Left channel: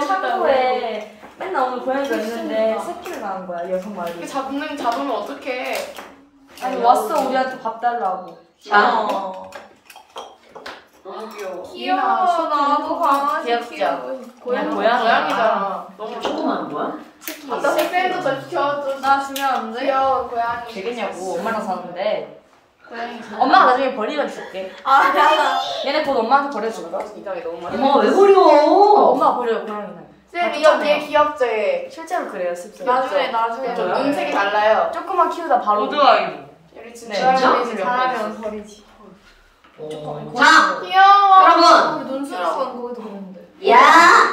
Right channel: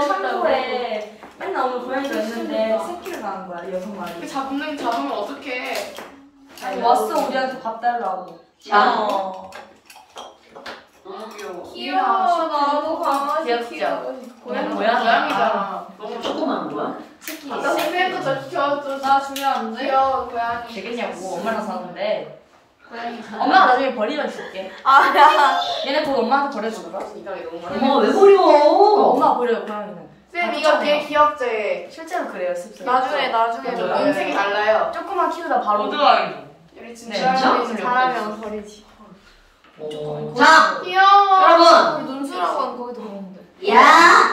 창고에 맨날 오늘 고양이가 있는데 새끼를 낳은 거야, 여섯 마리. 분명히 잡으면 어떡해. 아니 왔어 우리한테 밥 달라고. 너무 귀여워. 귀여워. 나도 강아지 귀엽죠? 키우고 싶어. 고양이잖아. 너무 조그만 거야? 새끼. 색깔도 더 귀여워져. 나 주면 안 돼? 귀여워 고양이. 되겠냐고. 엄마랑 사는데. 고양이. 엄마가 나중에 버리면 줄게. 아, 야. 얘네 곧 엄마한테 버려줄까? 이상해 너무 많아. 엄마 왜 버려? 엄마 버려요 고양이는. 쌤 이거 되게 귀엽죠 얘. 실제로 그래요 습성. 나중에 맞아요. 음색이 달라요. 조금만 키우다 바로. 오드아이고. 우리 네. 진짜 잘하면 버리지. 자, 귀여워. 여러분. 우리 논술학원 거기도 그랬는데. 야,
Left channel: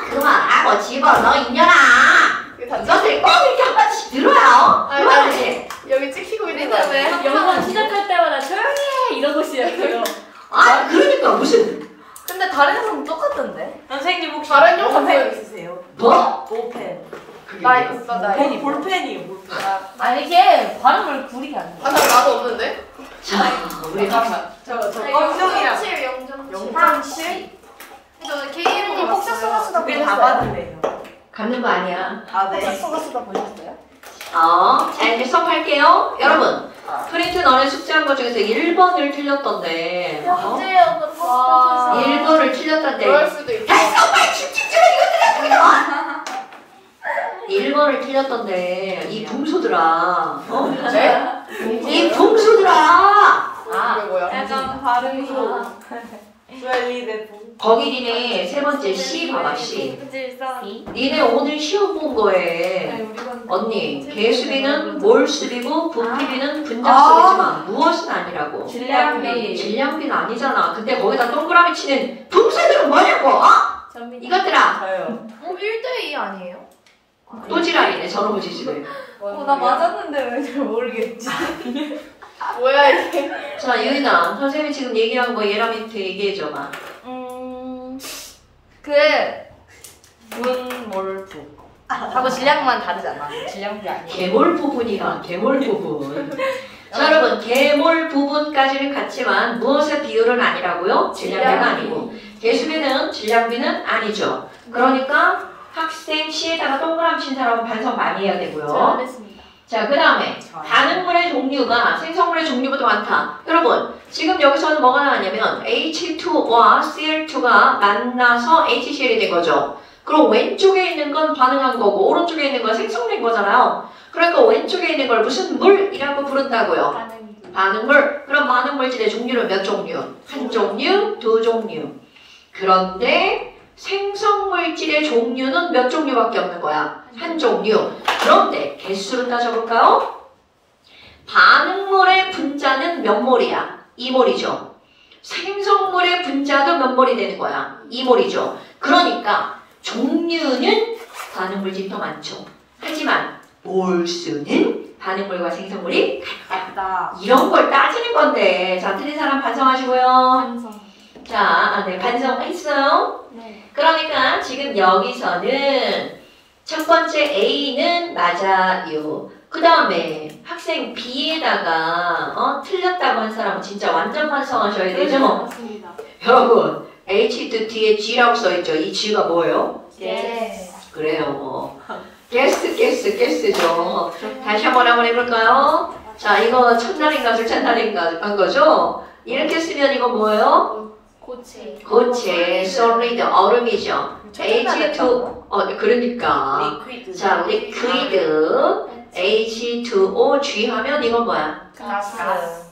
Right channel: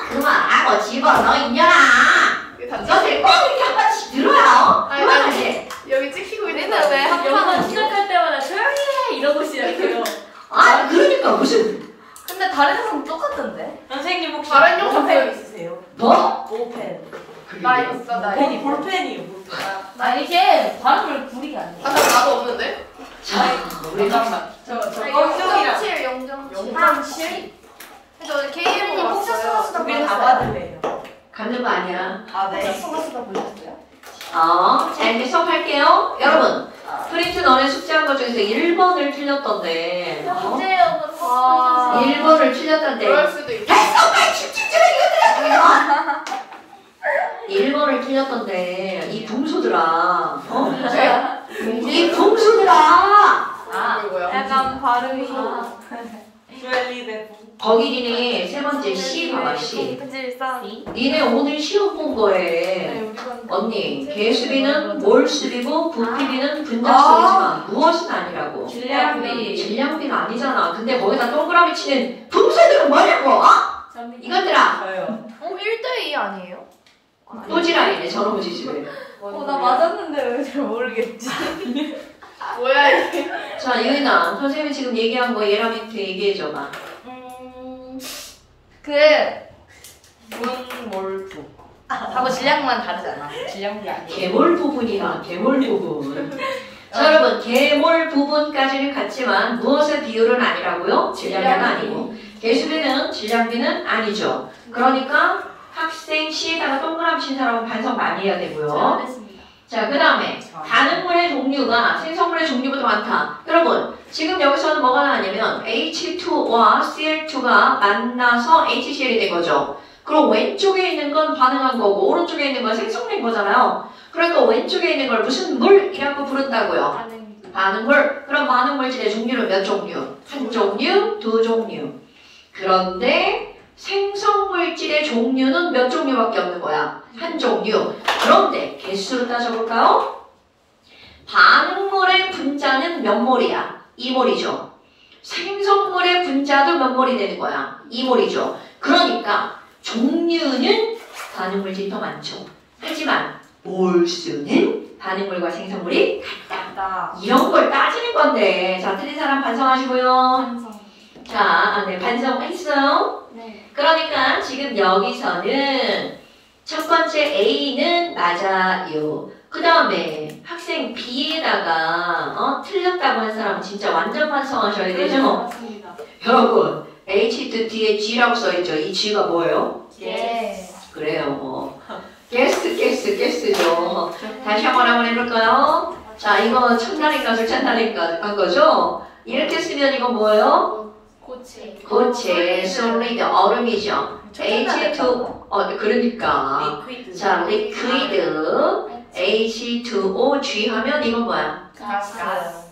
그만하고 집어넣어, 이년아. 이것을 꼭 이렇게 한 번씩 들어요. 아니 여기 찍히고 있는 우리는 왜 항상 시작할 때마다 조용히 해 이러고 시작해요. 아, 그러니까 무슨. 근데 다른 회사는 똑같던데? 선생님 혹시 다른 영상 볼펜 있으세요? 뭐? 볼펜. 나 있어 나 볼펜이 있어. 볼펜이에요 볼펜. 아니 이게 발음을 구리게 안 돼. 나도 없는데? 자, 잠깐만. 저 0.7, 0.7. 0.7? 저 KM이 봤어요. 두개 다 받으래요. 갖는 거 아니야. 아 네. 쓰다 보셨어요? 자, 이제 수업할게요. 여러분, 프린트 너네 숙제한 것 중에서 1번을 틀렸던데. 와. 1번을 틀렸던데. 그럴 수도 있어. 됐어, 빨리 집중 좀 해, 이거 들어. 1번을 틀렸던데. 이 붕소들아. 어? 이 붕소들아. 아 뭐야? 약간 발음이. 거기 니네 세 번째 C 봐봐, C. 그치, 싸. 니네 오늘 시험 본 거에 언니, 개수비는 몰 수비고 부피비는 분자 수비지만 무엇은 아니라고. 질량비. 질량비는 아니잖아. 근데 거기다 동그라미 치는 분수들은 뭐냐고, 어? 이것들아. 저요. 1대2 아니에요? 또지라이네, 저놈의 집에. 나 맞았는데 왜 잘 모르겠지. 뭐야 이게? 자, 유인아, 선생님이 지금 얘기한 거 얘랑 밑에 얘기해줘봐. 문몰부. 하고 질량만 다르잖아. 질량비 아니에요. 개몰 부분이야, 개몰 부분. 자, 여러분, 개몰 부분까지는 같지만 무엇의 비율은 아니라고요? 질량비가 아니고. 개수비는 질량비는 아니죠. 그러니까 학생 C에다가 동그라미 친 사람은 반성 많이 해야 되고요. 잘했습니다. 자, 그 다음에 반응물의 종류가 생성물의 종류보다 많다. 여러분, 지금 여기서는 뭐가 나왔냐면 H2와 Cl2가 만나서 HCl이 된 거죠. 그럼 왼쪽에 있는 건 반응한 거고 오른쪽에 있는 건 생성된 거잖아요. 그러니까 왼쪽에 있는 걸 무슨 물이라고 부른다고요? 반응물. 그럼 반응물질의 종류는 몇 종류? 한 종류, 두 종류. 그런데 생성물질의 종류는 몇 종류밖에 없는 거야? 한 종류. 그런데 개수를 따져볼까요? 반응물의 분자는 몇 몰이야? 2몰이죠. 생성물의 분자도 몇 몰이 되는 거야? 2몰이죠. 그러니까 종류는 반응물질이 더 많죠. 하지만 몰수는 반응물과 생성물이 같다. 이런 걸 따지는 건데. 자, 틀린 사람 반성하시고요. 자, 네, 반성했어요? 네. 그러니까 지금 여기서는 첫 번째 A는 맞아요. 그 다음에 학생 B에다가 틀렸다고 한 사람은 진짜 완전 반성하셔야 되죠? 여러분, H 뒤에 G라고 써있죠? 이 G가 뭐예요? 예. 그래요. 게스죠. 다시 한번 해볼까요? 자, 이거 첫날인가 둘째 한 거죠? 이렇게 쓰면 이거 뭐예요? 고체, solid, 얼음이죠. H2, 그러니까. 자, liquid, H2O, G 하면 이건 뭐야?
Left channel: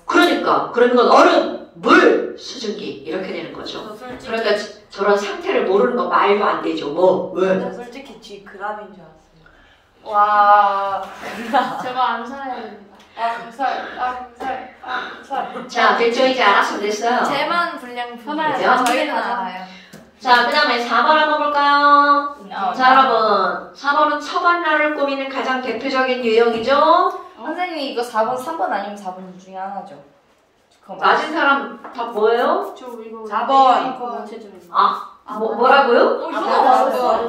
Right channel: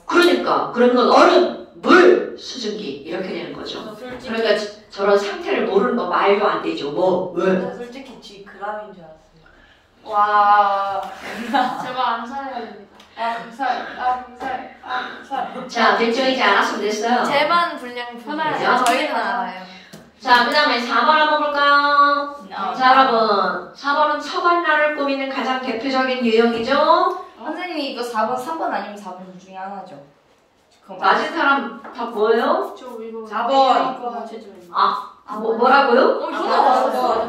그러니까, 그런 건 얼음, 물, 수증기, 이렇게 되는 거죠. 그러니까 저런 상태를 모르는 거 말도 안 되죠. 뭐? 왜? 솔직히 G 그람인 줄 알았어요. 와. 제발 안 살아야 됩니다. 자, 됐죠? 이제 알았으면 됐어요. 제만 불량품이에요. 저희는 알아요. 자, 그 다음에 4번 한번 볼까요? 자, 여러분. 4번은 서건라를 꾸미는 가장 대표적인 유형이죠? 선생님이 이거 4번, 3번 아니면 4번 중에 하나죠. 맞은 사람 다 뭐예요? 4번. 뭐라고요? 저도 맞았어.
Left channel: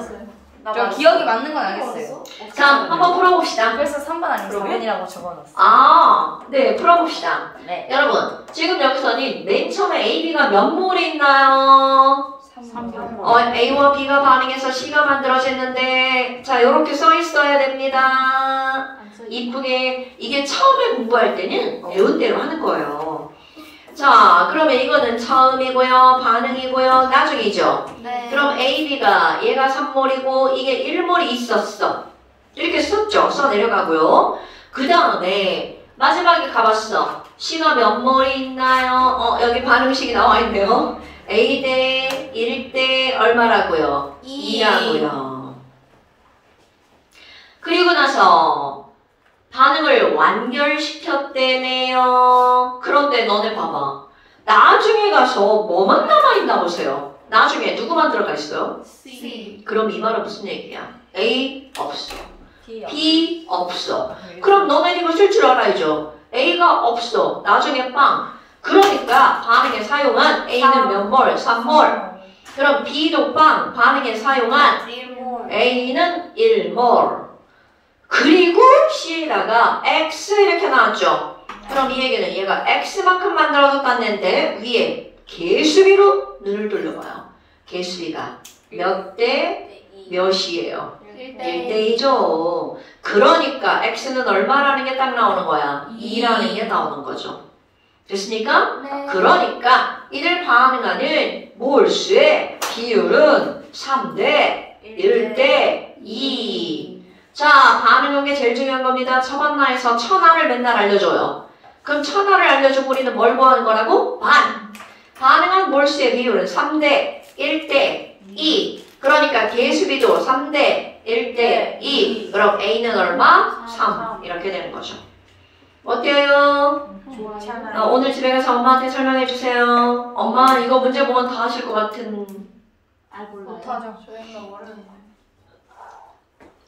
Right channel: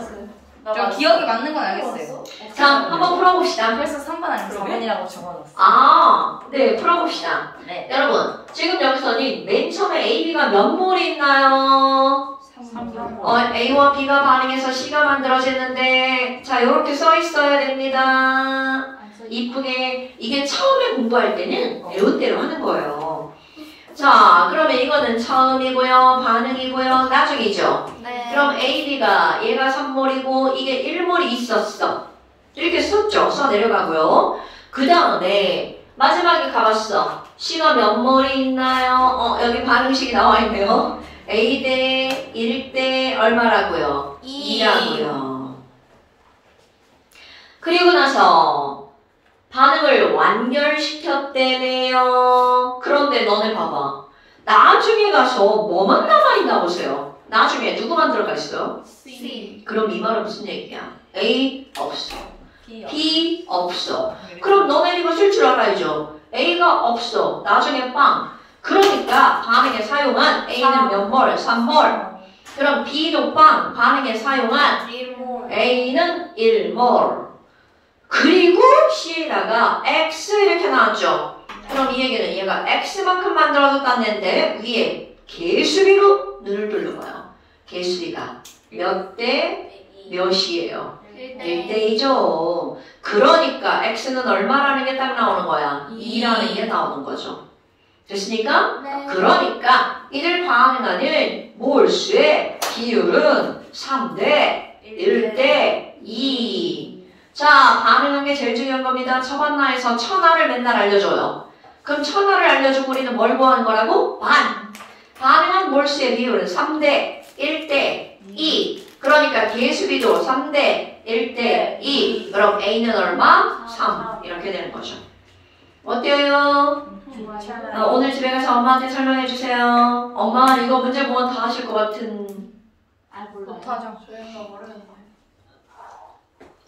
저 기억이 맞는 건 알겠어요. 자, 한번 풀어봅시다. 그래서 3번 아니면 4번이라고 적어놨어요. 네, 풀어봅시다. 네. 여러분, 지금 여기서는 맨 처음에 A, B가 몇 몰이 있나요? A와 B가 반응해서 C가 만들어졌는데 자 이렇게 써 있어야 됩니다. 이쁘게 이게 처음에 공부할 때는 배운 대로 하는 거예요. 자 그러면 이거는 처음이고요. 반응이고요. 나중이죠. 네. 그럼 A, B가 얘가 3몰이고 이게 1몰이 있었어. 이렇게 썼죠. 써 내려가고요. 그 다음에 마지막에 가봤어. C가 몇 몰이 있나요? 여기 반응식이 나와 있네요. A 대 1 대 얼마라고요? 2라고요. 그리고 나서 반응을 완결시켰대네요. 그런데 너네 봐봐. 나중에 가서 뭐만 남아있나 보세요. 나중에 누구만 들어가 있어요? C. 그럼 이 말은 무슨 얘기야? A 없어. P. B 없어. 그럼 너네 이거 쓸 줄 알아야죠. A가 없어. 나중에 빵. 그러니까 반응에 사용한 A는 몇 몰? 3몰. 그럼 B도 빵. 반응에 사용한 1몰. A는 1몰. 그리고 C에다가 X 이렇게 나왔죠. 그럼 이 얘기는 얘가 X만큼 만들어졌다는데 위에 개수비로 눈을 돌려봐요. 개수비가 몇 대 몇이에요? 1대2죠. 그러니까 X는 얼마라는 게 딱 나오는 거야? 2라는 게 나오는 거죠. 됐습니까? 네. 그러니까 이를 반응하는 몰수의 비율은 3대 1대 2. 자, 반응하는 게 제일 중요한 겁니다. 처반나에서 천하를 맨날 알려줘요. 그럼 천하를 알려주고 우리는 뭘 구하는 거라고? 반응한 몰수의 비율은 3대 1대 2. 그러니까 개수비도 3대 1대 2. 그럼 A는 얼마? 3. 이렇게 되는 거죠. 어때요? 오늘 집에 가서 엄마한테 설명해 주세요. 엄마 이거 문제 보면 다 하실 것 같은. 못하죠. 저희가 모르는데.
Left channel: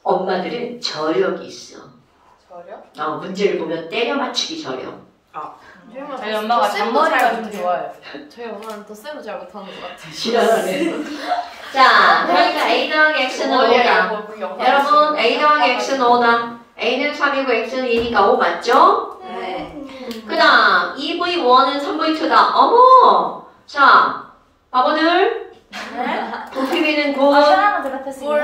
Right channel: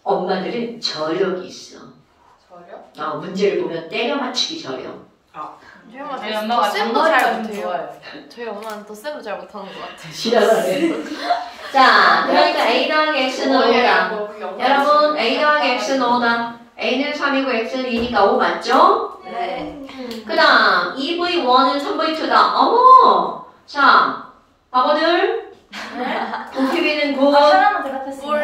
엄마들은 저력이 있어. 저요? 문제를 보면 때려 맞추기 저력. 저희 엄마가 쌤도 정말 잘 좀 못해요. 좋아요. 저희 엄마는 또 쌤도 잘 못하는 것 같아요. 지랄하네. 자, 그러니까 A 더하기 X는 5다. 여러분, A 더하기 X는 5다. A는 3이고 X는 2니까 5 맞죠? 네. 그 다음, 2V1은 3V2다. 어머! 자, 바보들. 도피비는 곧,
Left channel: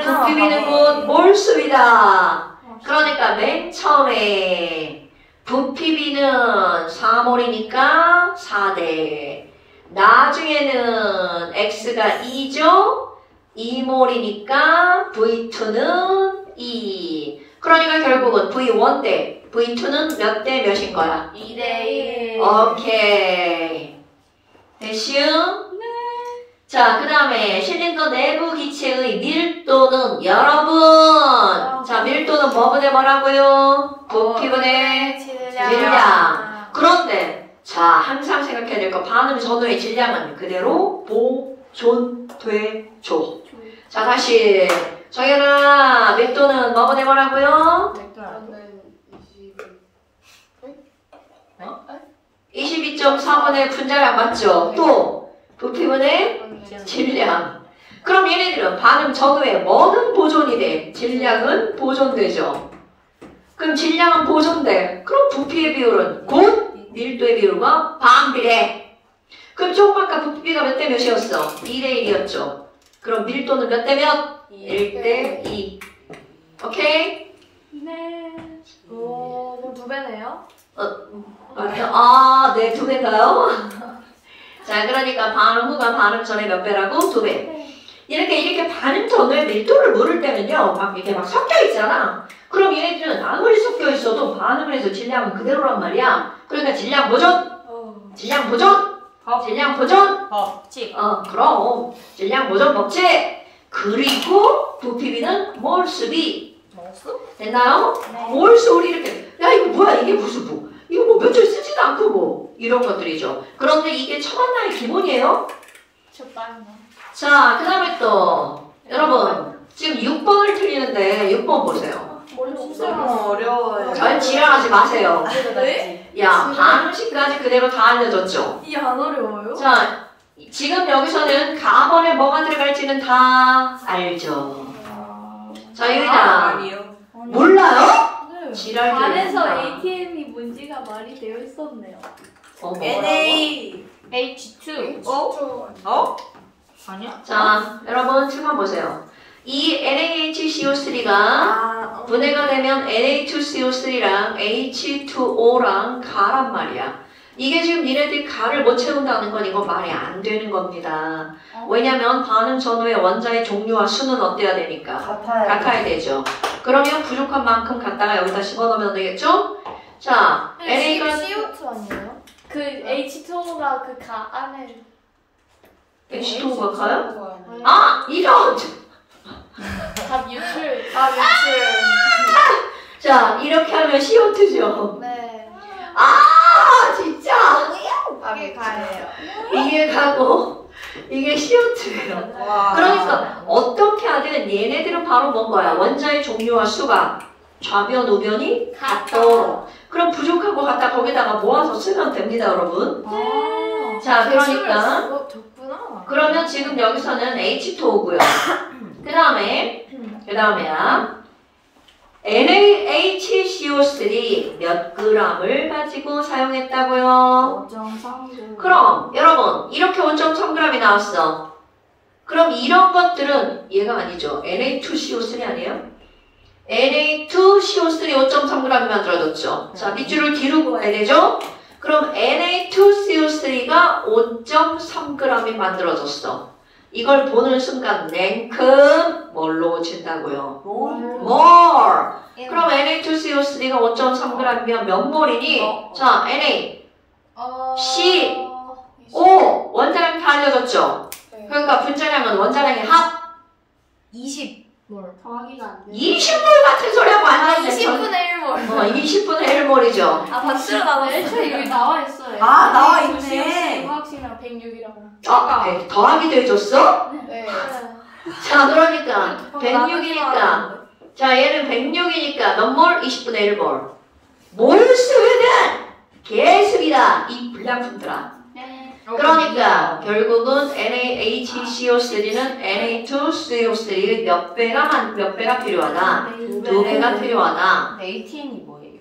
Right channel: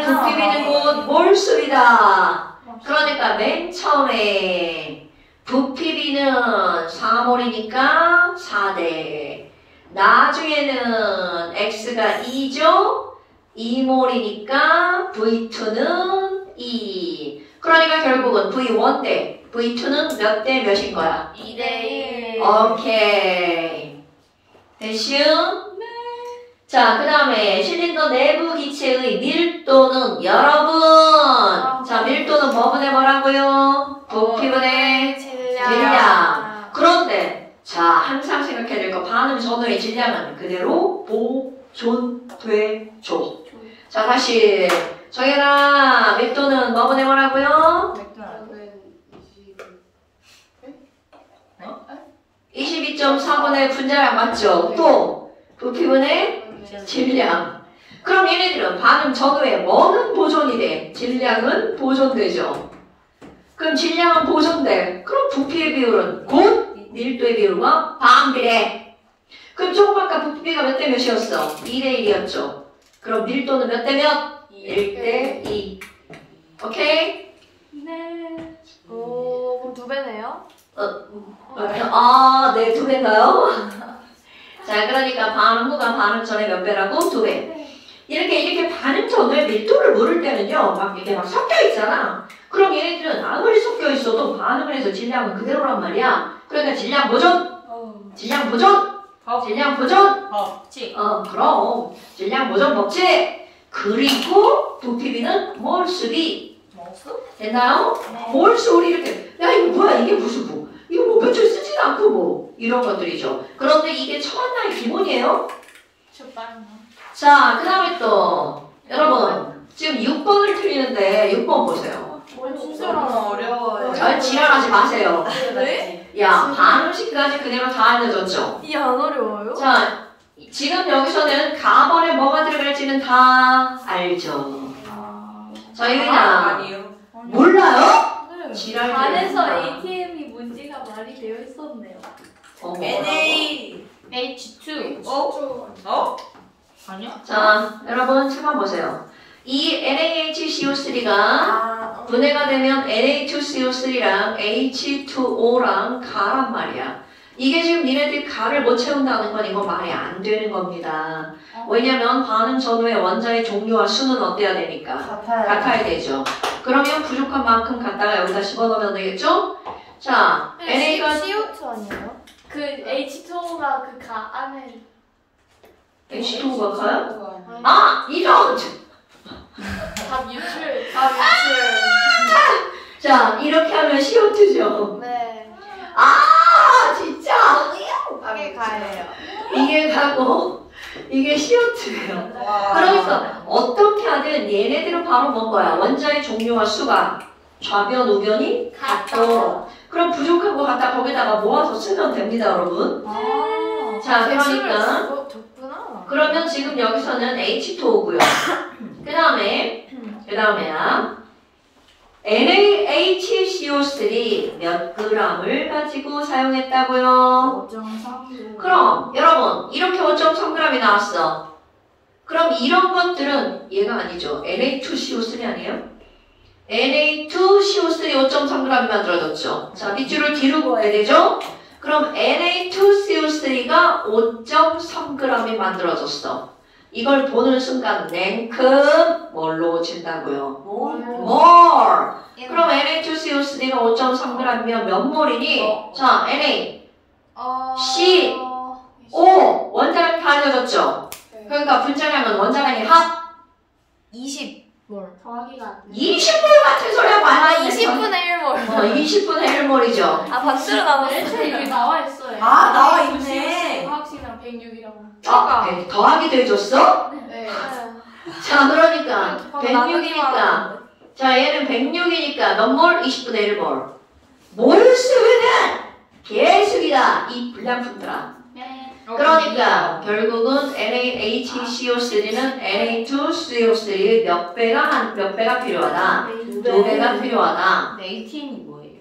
도피비는 곧 몰수비다. 그러니까 맨 처음에 부피비는 4몰이니까 4대. 나중에는 X가 2죠? 2몰이니까 V2는 2. 그러니까 결국은 V1 대 V2는 몇 대 몇인 거야? 2대1. 오케이. 됐슈? 네. 자, 그 다음에 실린더 내부 기체의 밀도는 여러분. 자, 밀도는 뭐분의 뭐라고요? 부피분의 질량. 그런데 자, 항상 생각해야 될 거 반응 전후의 질량은 그대로 보존되죠. 자, 다시 정연아, 밀도는 뭐분의 뭐라고요? 22.4분의 분자량 맞죠? 또 부피분의 질량. 그럼 얘네들은 반응 전후에 뭐는 보존이 돼? 질량은 보존되죠. 그럼 질량은 보존돼. 그럼 부피의 비율은 곧 밀도의 비율과 반비례. 그럼 조금 아까 부피가 몇 대 몇이었어? 2대 1이었죠. 그럼 밀도는 몇 대 몇? 1대 2. 오케이? 오, 그럼 2배네요? 네, 2배인가요? 자, 그러니까 반응 후가 반응 전에 몇 배라고? 2배. 이렇게 반응 전후의 밀도를 물을 때는요, 막 이렇게 막 섞여 있잖아. 그럼 얘네들은 아무리 섞여 있어도 반응을 해서 질량은 그대로란 말이야. 그러니까 질량 보존! 질량 보존! 질량 보존! 법칙. 그럼. 질량 보존 법칙! 그리고 부피비는 몰수비. 뭐수? 됐나요? 몰수 우리 이렇게, 야, 이거 뭐야, 이게 무슨 뭐. 이거 뭐 며칠 쓰지도 않고 뭐. 이런 것들이죠. 그런데 이게 첫만날의 기본이에요. 자, 그 다음에 또, 여러분, 지금 6번을 틀리는데, 6번 보세요. 진짜 어려워요. 잘 지랄하지 마세요. 네? 야, 반음식까지 그대로 다 알려줬죠? 이게 안 어려워요? 자, 지금 여기서는 가번에 뭐가 들어갈지는 다 알죠. 자, 유인아. 아니요. 몰라요? 네. 지랄 반에서 들으니까. ATM이 뭔지가 말이 되어 있었네요. 어머. NA. H2. 어? 아니야? 자, 여러분 찾아보세요. 이 NaHCO3가 분해가 되면 Na2CO3랑 H2O랑 가란 말이야. 이게 지금 니네들이 가를 못 채운다는 건 이건 말이 안 되는 겁니다. 왜냐면 반응 전후의 원자의 종류와 수는 어때야 되니까? 같아야 되죠. 그러면 부족한 만큼 갖다가 여기다 집어넣으면 되겠죠? 자, NA가 CO2 아니에요? 그 H2O가 그 가 안에 H2O가 가요? 거 아! 이런! 다 유출. 자, 이렇게 하면 CO2죠. 네. 아, 진짜! 이게 가예요. 이게 가고, 이게 CO2예요. 와. 그러니까, 어떻게 하든 얘네들은 바로 뭔가야? 원자의 종류와 수가 좌변, 우변이 같고, 그럼 부족한 거 갖다 거기다가 모아서 쓰면 됩니다, 여러분. 자, 그러니까. 적구나. 그러면 지금 여기서는 H2O고요. 그 다음에야 NaHCO3 몇 g을 가지고 사용했다고요? 5.3. 그럼 여러분 이렇게 5.3g이 나왔어. 그럼 이런 것들은 얘가 아니죠. Na2CO3 아니에요? Na2CO3 5.3g이 만들어졌죠. 자, 밑줄을 뒤로 그어야 되죠? 그럼 Na2CO3가 5.3g이 만들어졌어. 이걸 보는 순간 랭큼 뭘로 고친다고요? more. 그럼 Na2CO3가 5.3g이면 몇 몰이니? 자, Na, C, O 원자량 다 알려졌죠? 그러니까 분자량은 원자량의 합 20몰. 정확히가 안 돼. 20몰 같은 소리 하면 안 돼. 20분의 1몰. 20분의 1몰이죠. 반수로 나눴어. 이게 나와 있어요. 아, 나와 있네. 화학식이랑 106이라고. 아, 더하기도 해줬어? 네. 자, 그러니까 나누기만 106이니까 자, 얘는 106이니까 몇 몰? 20분의 1몰. 몰수는 계속이다. 이 불량품들아. 네. 그러니까 결국은 NaHCO3는 Na2CO3 몇 배가 필요하다? 2배가 필요하다. ATM이 뭐예요?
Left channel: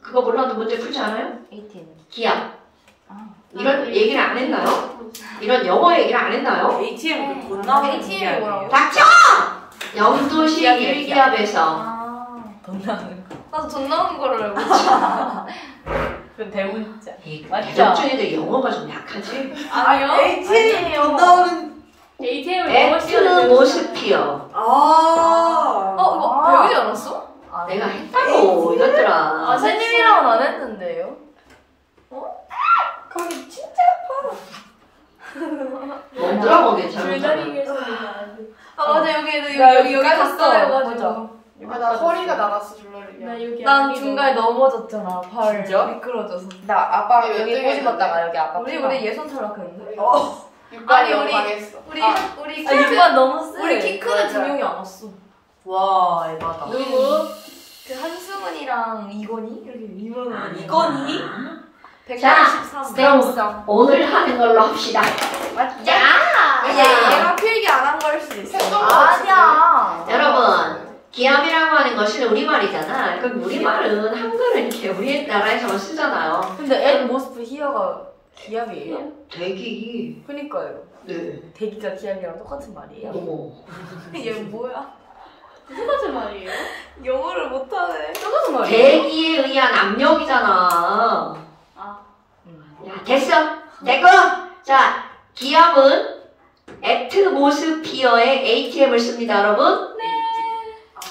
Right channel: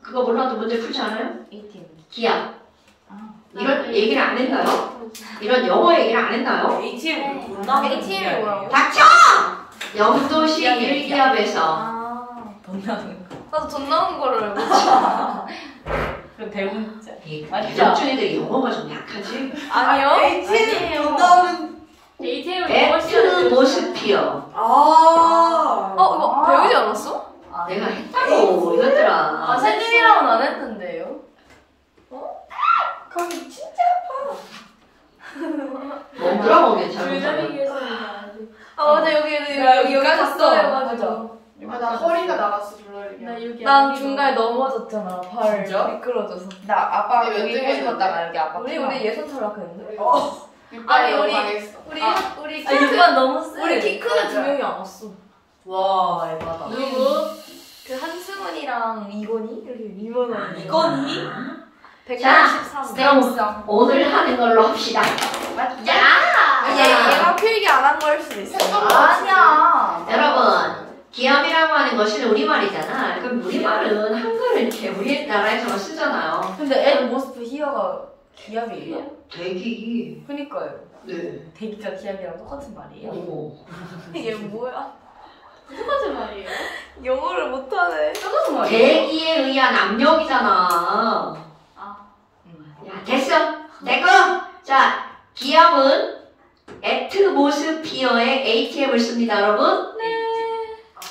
그거 몰라도 문제 풀지 않아요? ATM. 기압. 이런 얘기를 안 했나요? 이런 영어 얘기를 안 했나요? ATM 돈 나오는 ATM이 뭐라고? 닥쳐! 영도식 1기압에서 돈 나는 거. 나도 돈 나오는 거를 알고 있어. 그럼 대문자. 맞죠? 영준이들 영어가 좀 약하지? 아니요? ATM 돈 나오는. ATM을 못 씌워야 애트모스피어. 이거 배우지 않았어? 내가 했다고 이것들아. 선생님이랑은 안 했는데요. 거기 진짜. 뭐라고 괜찮아. 줄다리기에서 맞아 여기 갔어요. 나 허리가 나갔어 줄러리기. 나 여기 난 중간에 넘어졌잖아. 발 진짜? 미끄러져서. 나 아빠가 네, 여기 네. 꼬집었다가 여기 아빠. 우리 예선 탈락했는데. 아니 우리 우리 키 크는 두 명이 안 왔어. 와 에바다. 누구? 그 한승은이랑 이건희 이렇게 이만한. 이건희? 183. 그럼 오늘 하는 걸로 합시다. 얘가 필기 안 한 걸 수도 있어. 아니야. 여러분, 기압이라고 하는 것은 우리말이잖아. 그럼 우리말은 한글은 이렇게 우리나라에서만 쓰잖아요. 근데 앤 모스프 히어가 기압이에요? 대기. 그니까요. 네. 대기가 기압이랑 똑같은 말이에요. 어머. 얘 뭐야? 똑같은 말이에요. 영어를 못하네. 똑같은 말이에요. 대기에 의한 압력이잖아. 야, 됐어. 됐고. 자, 기압은 애트모스피어의 ATM을 씁니다, 여러분. 네.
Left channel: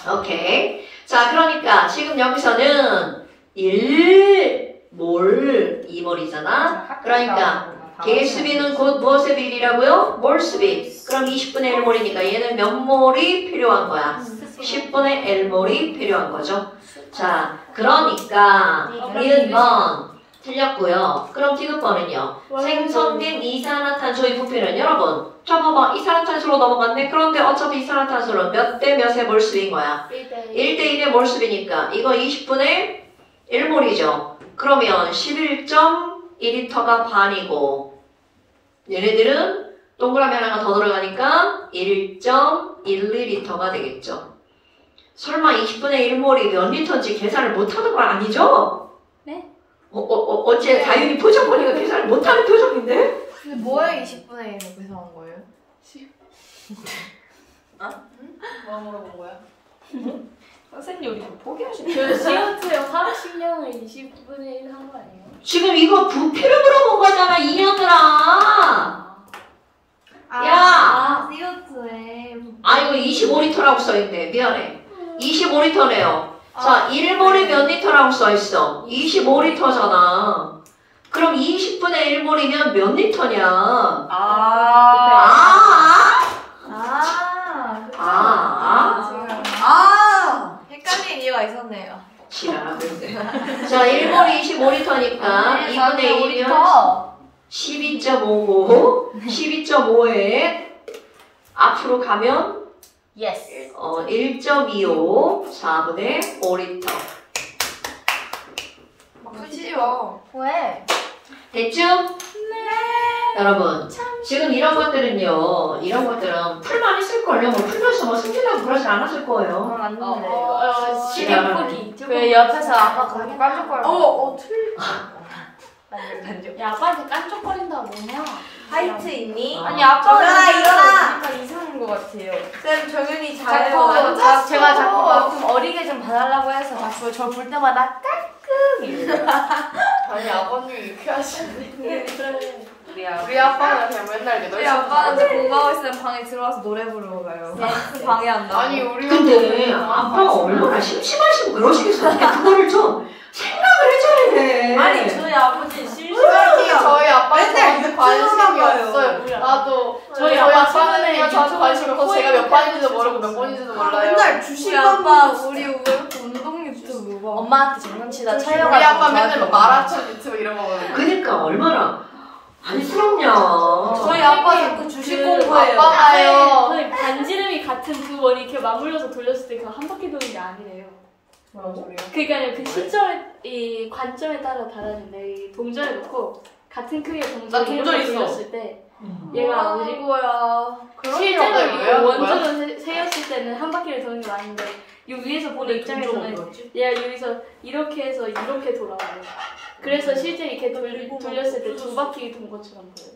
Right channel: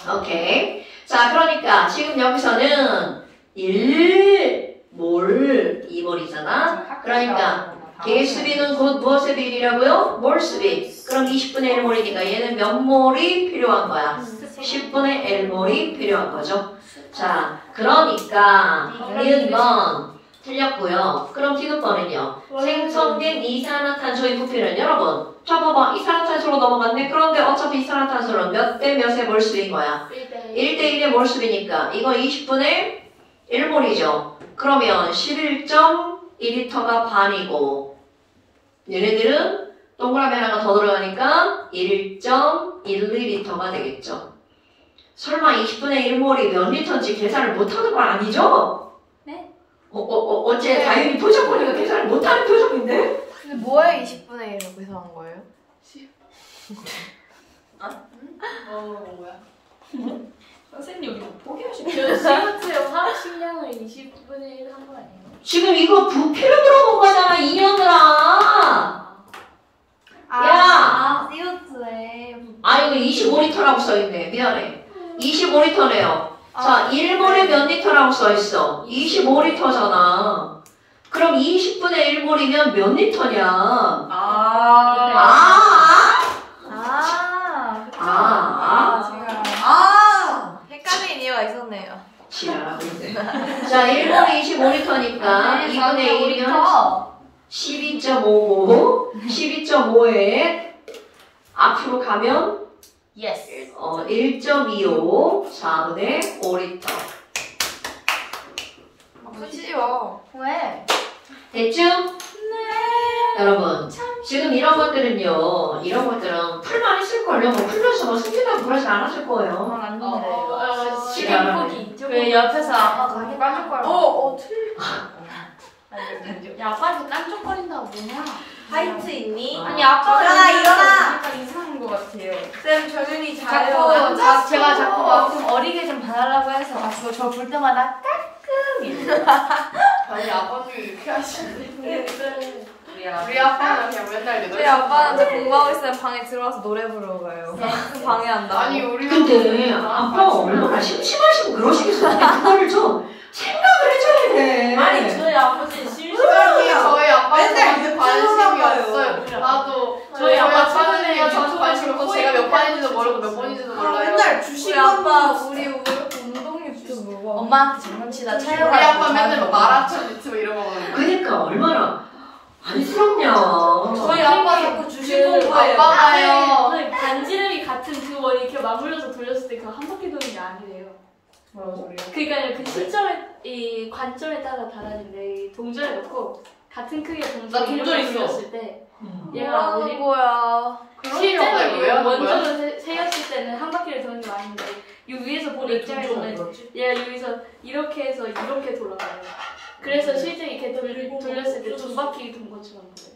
오케이. 자, 그러니까 지금 여기서는 1몰, 2몰이잖아. 그러니까 개수비는 곧 무엇의 비율이라고요? 몰수비. 그럼 20분의 1몰이니까 얘는 몇 몰이 필요한 거야? 10분의 1몰이 필요한 거죠. 자, 그러니까 니은번 틀렸고요. 그럼 디귿번은요. 생성된 이산화탄소의 부피는 여러분 저 봐봐 이산화탄소로 넘어갔네. 그런데 어차피 이산화탄소는 몇 대 몇의 몰수인 거야? 1대 1의 몰수비니까 이거 20분의 1몰이죠. 그러면 11.2리터가 반이고 얘네들은 동그라미 하나가 더 들어가니까 1.12리터가 되겠죠. 설마 20분의 1몰이 몇 리터인지 계산을 못하는 건 아니죠? 네. 어째 다윤이 표정 보니까 계산을 못하는 표정인데? 근데 뭐에 20분의 1이라고 계산한 거예요? 뭐 물어본 거야? 선생님 여기 뭐 포기하시네. 그 시간대요. 화학 식량을 20분의 1 한 거 아니에요? 지금 이거 부피를 물어본 거잖아, 이년들아. 야! CO2에. 아, 이거 25리터라고 써있네. 미안해. 25리터래요. 자, 1몰에 몇 리터라고 써있어? 25리터잖아. 그럼 20분의 1몰이면 몇 리터냐? 제가 헷갈린 이유가 있었네요. 지랄, 그래. 자, 1몰이 25리터니까 2분의 1이면 12.55. 12.5에 앞으로 가면 예스. 1.25, 4분의 5리터. 막 치지 마. 왜? 됐죠? 네. 여러분, 지금 이런 것들은요, 이런 것들은 풀만 했을걸요. 뭐 풀면서 뭐 숨기려고 그러진 않았을 거예요. 안 시간포기. 그 옆에서 아빠가 하게 깐족거려. 야, 아빠한테 깐족거린다고 뭐냐? 하이트 있니? 아니 아빠가 일어나, 일어나! 약간 이상한 것 같아요. 쌤 정연이 자꾸 잘해요. 제가 자꾸 좀 어리게 좀 봐달라고 해서 자꾸 저 볼 때마다 깔끔히. 아니 아버님이 이렇게 하시는데 그래. 우리 아빠는 그냥 맨날 우리 8시 아빠는 저 공부하고 있으면 방에 들어와서 노래 부르고 가요. 방해한다고. 아니 우리 근데 아빠가 얼마나 심심하시고 그러시겠어요. 그거를 좀 생각을 해줘야 돼. 아니 저희 아버지 시간이 실수하니까 저희 아빠는 저한테 관심이 봐요. 없어요. 나도 저희 아빠는 저한테 관심이 없어서 제가 몇 반인지도 모르고 몇 번인지도 몰라요. 맨날 우리 아빠 우리 왜 이렇게 운동 유튜브 봐. 엄마한테 장난치다 우리 촬영하고 아빠 맨날 마라톤 유튜브 이런 거 봐요. 그러니까 얼마나 안쓰럽냐. 저희 아빠 자꾸 주식 공부해요. 아빠가요. 선생님 반지름이 같은 두 원이 이렇게 맞물려서 돌렸을 때 그거 한 바퀴 도는 게 아니래요. 그러니까 그 시점에 이 관점에 따라 다르는데 이 동전을 놓고 같은 크기의 나 동전을 동전 이렇게 있어. 돌렸을 때 얘가 뭐라는 뭐지? 거야. 실제로 왜 실제로 하는 원점을 세웠을 때는 한 바퀴를 도는 게 아닌데 이 위에서 보는 입장에서는 얘가 여기서 이렇게 해서 이렇게 돌아가요. 그래서 실제 이렇게 돌렸을 때 두 바퀴 돈 것처럼 보여요.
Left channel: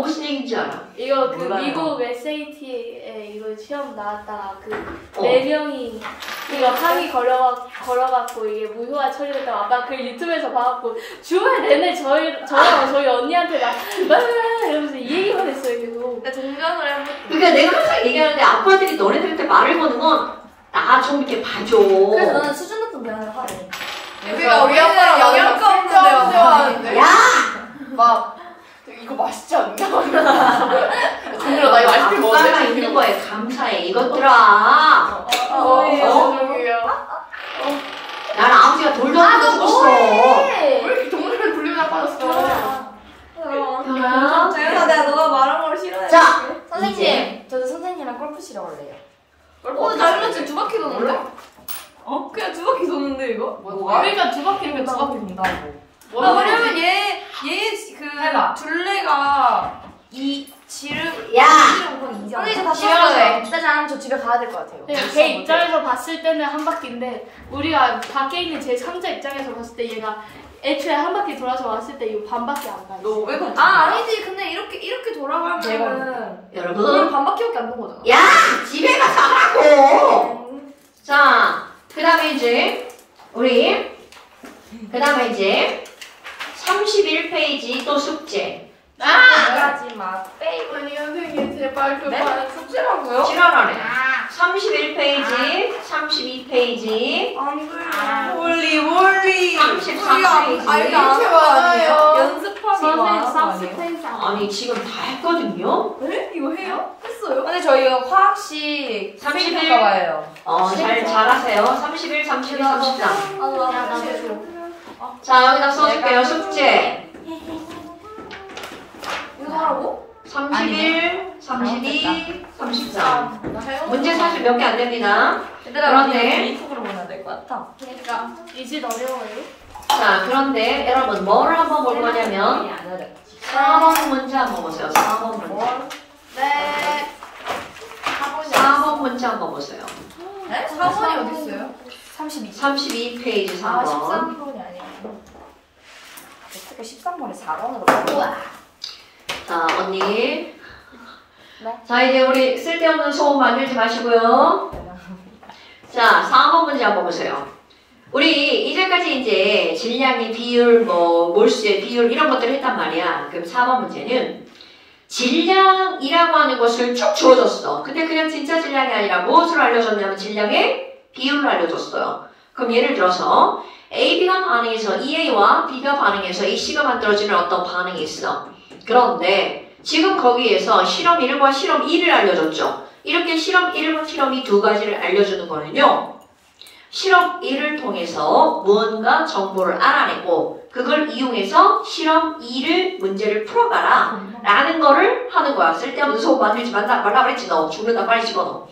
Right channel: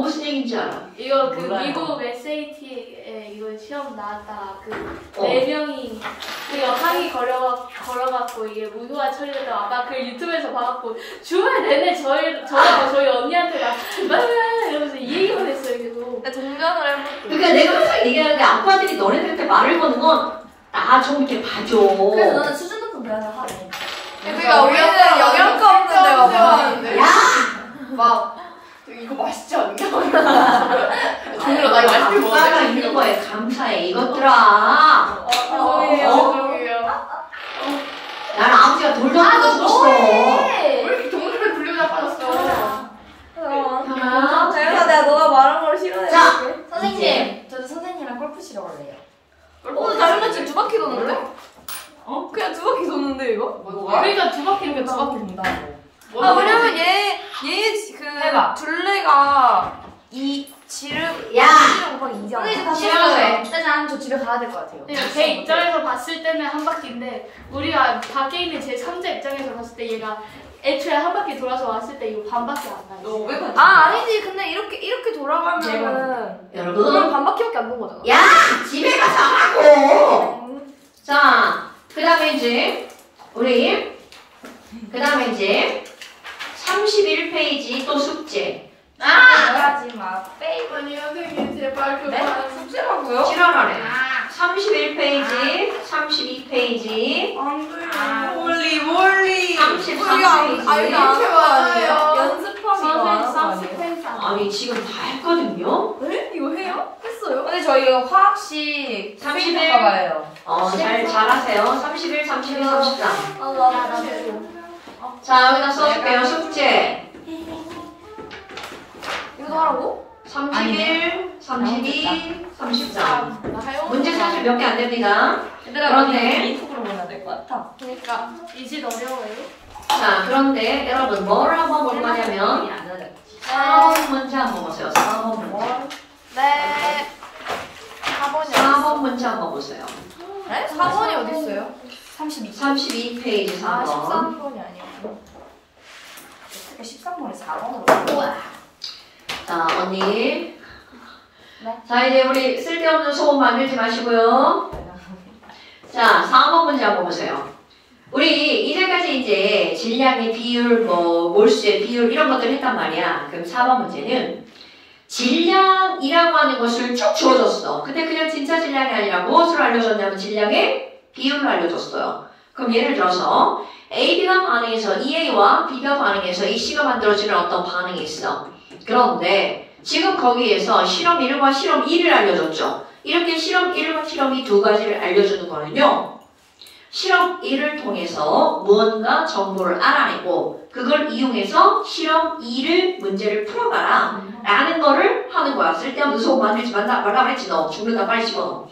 무슨 얘기인지 알아. 이거 그 몰라요. 미국 SAT에 이거 시험 나왔다가 그 어. 네 명이 이거 항의 걸어갖고 이게 무효화 처리됐다고 아까 그 유튜브에서 봐갖고 주말 내내 저랑 저희 언니한테 막 이러면서 이 얘기만 했어요 계속. 동전을 해볼게. 그러니까 내가 항상 얘기하는데 아빠들이 너네들한테 말을 거는 건 나 좀 이렇게 봐줘. 그래서 너는 수준 높은 대화를 하래. 그러니까 우리 아빠랑 영향 거 없는데 막. 야! 막 이거 맛있지 않냐? 동료가 나 이거 아이스크림 아빠가 먹었는데 있는 거에 감사해 이것들아. 저기요. 나는 아버지가 돌려주고 죽었어. 왜 이렇게 동료를 불리고 빠졌어? 현아야. 그래서 내가 너가 말한 걸 싫어해. 자, 선생님, 저도 선생님이랑 골프 치러 갈래요. 다른 지금 두 바퀴 도는데? 그냥 두 바퀴 도는데 이거? 뭐가? 그러니까 두 바퀴 두 바퀴 돈다고. 왜냐면 얘 그 해봐. 둘레가 이 지름 야! 이잖아. 선생님 다 지름에. 썼어요. 짜잔, 저 집에 가야 될 것 같아요. 걔 입장에서 봤을 때는 한 바퀴인데 우리가 밖에 있는 제 3자 입장에서 봤을 때 얘가 애초에 한 바퀴 돌아서 왔을 때 이거 반밖에 안 가요. 너 500원. 아니지. 근데 이렇게 돌아가면은 그럼 여러분. 반바퀴밖에 안 도는 거잖아. 야! 집에 가서 하라고! 자, 그 다음에 이제, 그 다음에 이제, 31페이지 또 숙제. 말하지 마. 아니 선생님 제발 네? 그만 숙제라고요? 지랄하네. 31페이지, 32페이지, 안 돼. 원리. 33페이지. 이거 안 하는 거 아니에요? 연습하기 이거 안 하는 거 선생님 아니에요? 쌈스텐스 아니, 지금 다 했거든요? 네? 이거 해요? 했어요? 근데 저희 화학시 31. 봐봐요. 잘하세요. 31, 32, 33. 아, 나도 했어요. 자, 여기다 써줄게요. 숙제. 이거 하라고? 31, 32, 33. 나 할 문제 사실 몇 개 안 됩니다. 얘들아, 그런데- 우리 개인톡으로 보내야 될 것 같아. 그러니까. 이짓 어려워요? 자, 그런데 여러분 뭘 한번 볼 거냐면 4번 문제 한번 보세요. 4번 문제. 네. 4번이 4번 문제 한번 보세요. 네? 4번이 어디 있어요? 32페이지 4번. 아, 13번이 아니야. 어떻게 13번에 4번으로. 우와. 자, 언니. 자, 이제 우리 쓸데없는 소음 만들지 마시고요. 자, 4번 문제 한번 보세요. 우리 이제까지 이제 질량의 비율, 몰수의 비율 이런 것들 했단 말이야. 그럼 4번 문제는 질량이라고 하는 것을 쭉 주어줬어. 근데 그냥 진짜 질량이 아니라 무엇을 알려줬냐면 질량의 비율을 알려줬어요. 그럼 예를 들어서 AB가 반응해서 EA와 B가 반응해서 EC가 만들어지는 어떤 반응이 있어. 그런데 지금 거기에서 실험 1과 실험 2를 알려줬죠. 이렇게 실험 1과 실험 2 두 가지를 알려주는 거는요. 실험 1을 통해서 무언가 정보를 알아내고 그걸 이용해서 실험 2를 문제를 풀어봐라 라는 거를 하는 거야. 쓸데없는 소음 만들지 말라고 그랬지. 너 죽는다 빨리 집어넣어.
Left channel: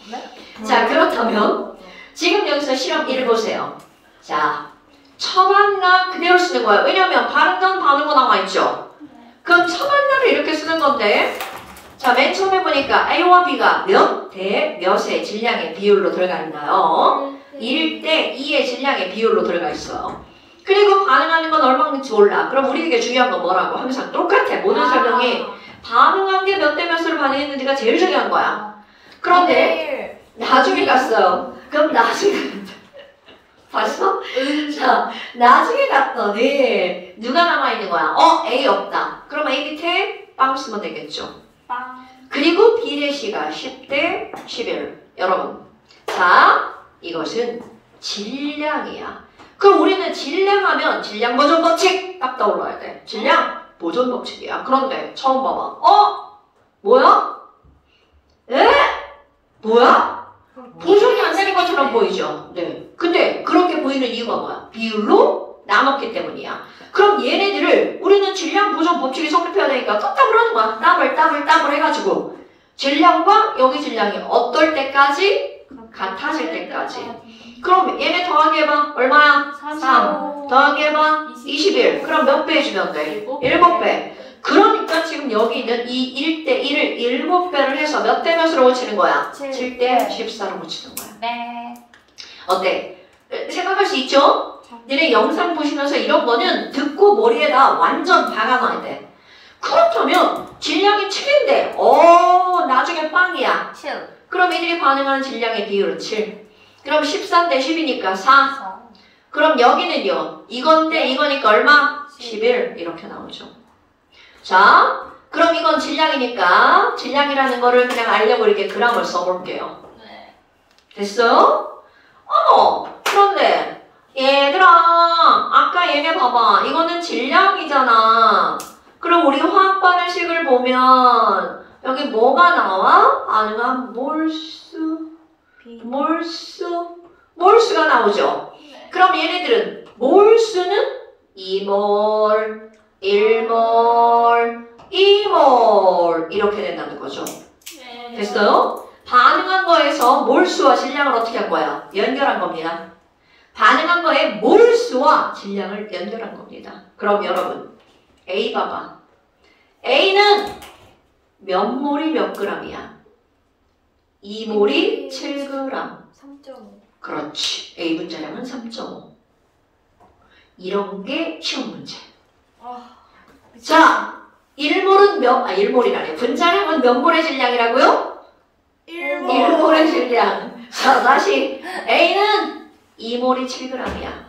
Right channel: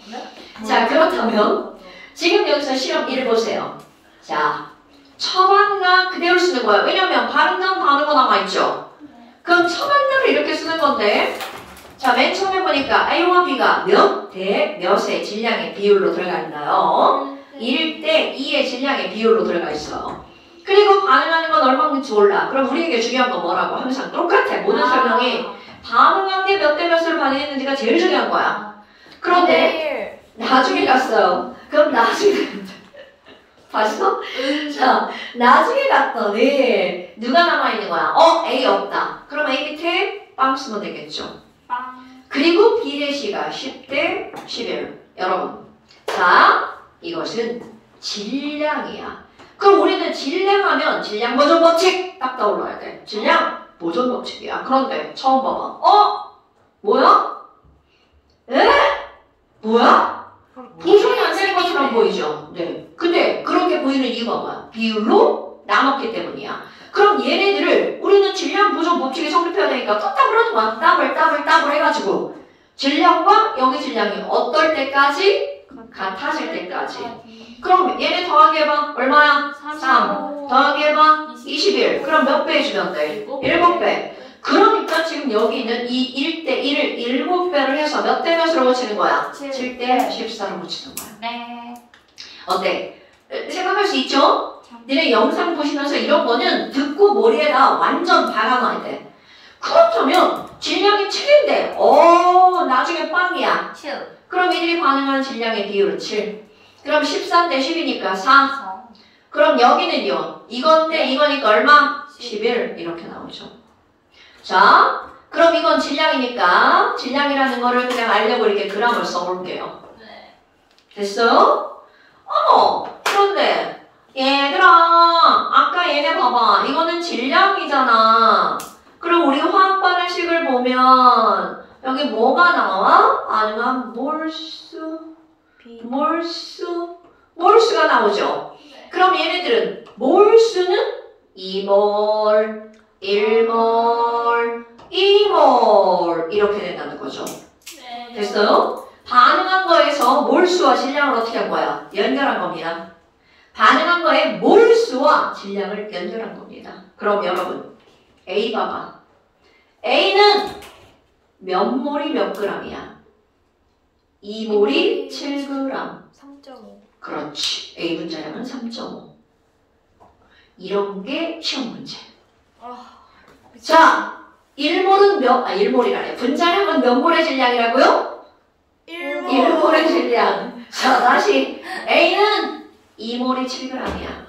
자, 그렇다면 지금 여기서 실험 1을 보세요. 자, 처방나 그대로 쓰는 거예요. 왜냐면 발음단 단어가 나와 있죠. 그럼 처방단을 이렇게 쓰는 건데 자, 맨 처음에 보니까 A와 B가 몇 대 몇의 질량의 비율로 들어가 있나요? 1대 2의 질량의 비율로 들어가 있어요. 그리고 반응하는 건 얼마인지 몰라. 그럼 우리에게 중요한 건 뭐라고? 항상 똑같아. 모든 설명이 반응한 게 몇 대 몇을 반응했는지가 제일 중요한 거야. 그런데 나중에 갔어요. 그럼 나중에 봤어? 자, 나중에 갔더니 누가 남아있는 거야? A 없다. 그럼 A 밑에 빵 쓰면 되겠죠. 그리고 B 대 C가 10대 11. 여러분, 자, 이것은 질량이야. 그럼 우리는 질량하면 질량 보존 법칙 딱 떠올라야 돼. 질량 보존 법칙이야. 그런데 처음 봐봐. 뭐야? 에? 뭐야? 보존이 안 되는 것처럼 보이죠? 네. 근데 그렇게 보이는 이유가 뭐야? 비율로 나눴기 때문이야. 그럼 얘네들을 우리는 질량 보존 법칙이 성립해야 되니까 끄떡을 하는 거야. 따블 해가지고 질량과 여기 질량이 어떨 때까지? 같아질 때까지. 그럼 얘네 더하기 해봐. 얼마야? 3. 더하기 해봐. 21. 그럼 몇 배 해주면 돼? 7배. 그러니까 지금 여기 있는 이 1대 1을 7배를 해서 몇 대 몇으로 고치는 거야? 7대 14로 고치는 거야. 네. 어때? 생각할 수 있죠? 니네 영상 보시면서 이런 거는 듣고 머리에다 완전 박아놔야 돼. 그렇다면 질량이 7인데 나중에 빵이야. 7. 그럼 이들이 반응하는 질량의 비율은 7. 그럼 13대 10이니까 4. 그럼 여기는요. 이건데 이거니까 얼마? 11 이렇게 나오죠. 자, 그럼 이건 질량이니까 질량이라는 거를 그냥 알려고 이렇게 그람을 써볼게요. 네. 됐어요? 그런데 얘들아 아까 얘네 봐봐. 이거는 질량이잖아. 그럼 우리 화학 반응식을 보면 여기 뭐가 나와? 반응한 몰수가 나오죠. 그럼 얘네들은 몰수는 2몰, 1몰, 2몰 이렇게 된다는 거죠. 됐어요? 반응한 거에서 몰수와 질량을 어떻게 한 거야? 연결한 겁니다. 반응한 거에 몰수와 질량을 연결한 겁니다. 그럼 여러분 A 봐봐. A는 몇 몰이 몇 g이야? 2몰이 7g. 3.5. 그렇지. A 분자량은 3.5. 이런 게 시험 문제. 자, 1몰은 일몰이라네. 분자량은 몇 몰의 질량이라고요? 1몰의 질량. 자, 다시. A는 2몰이 7g이야.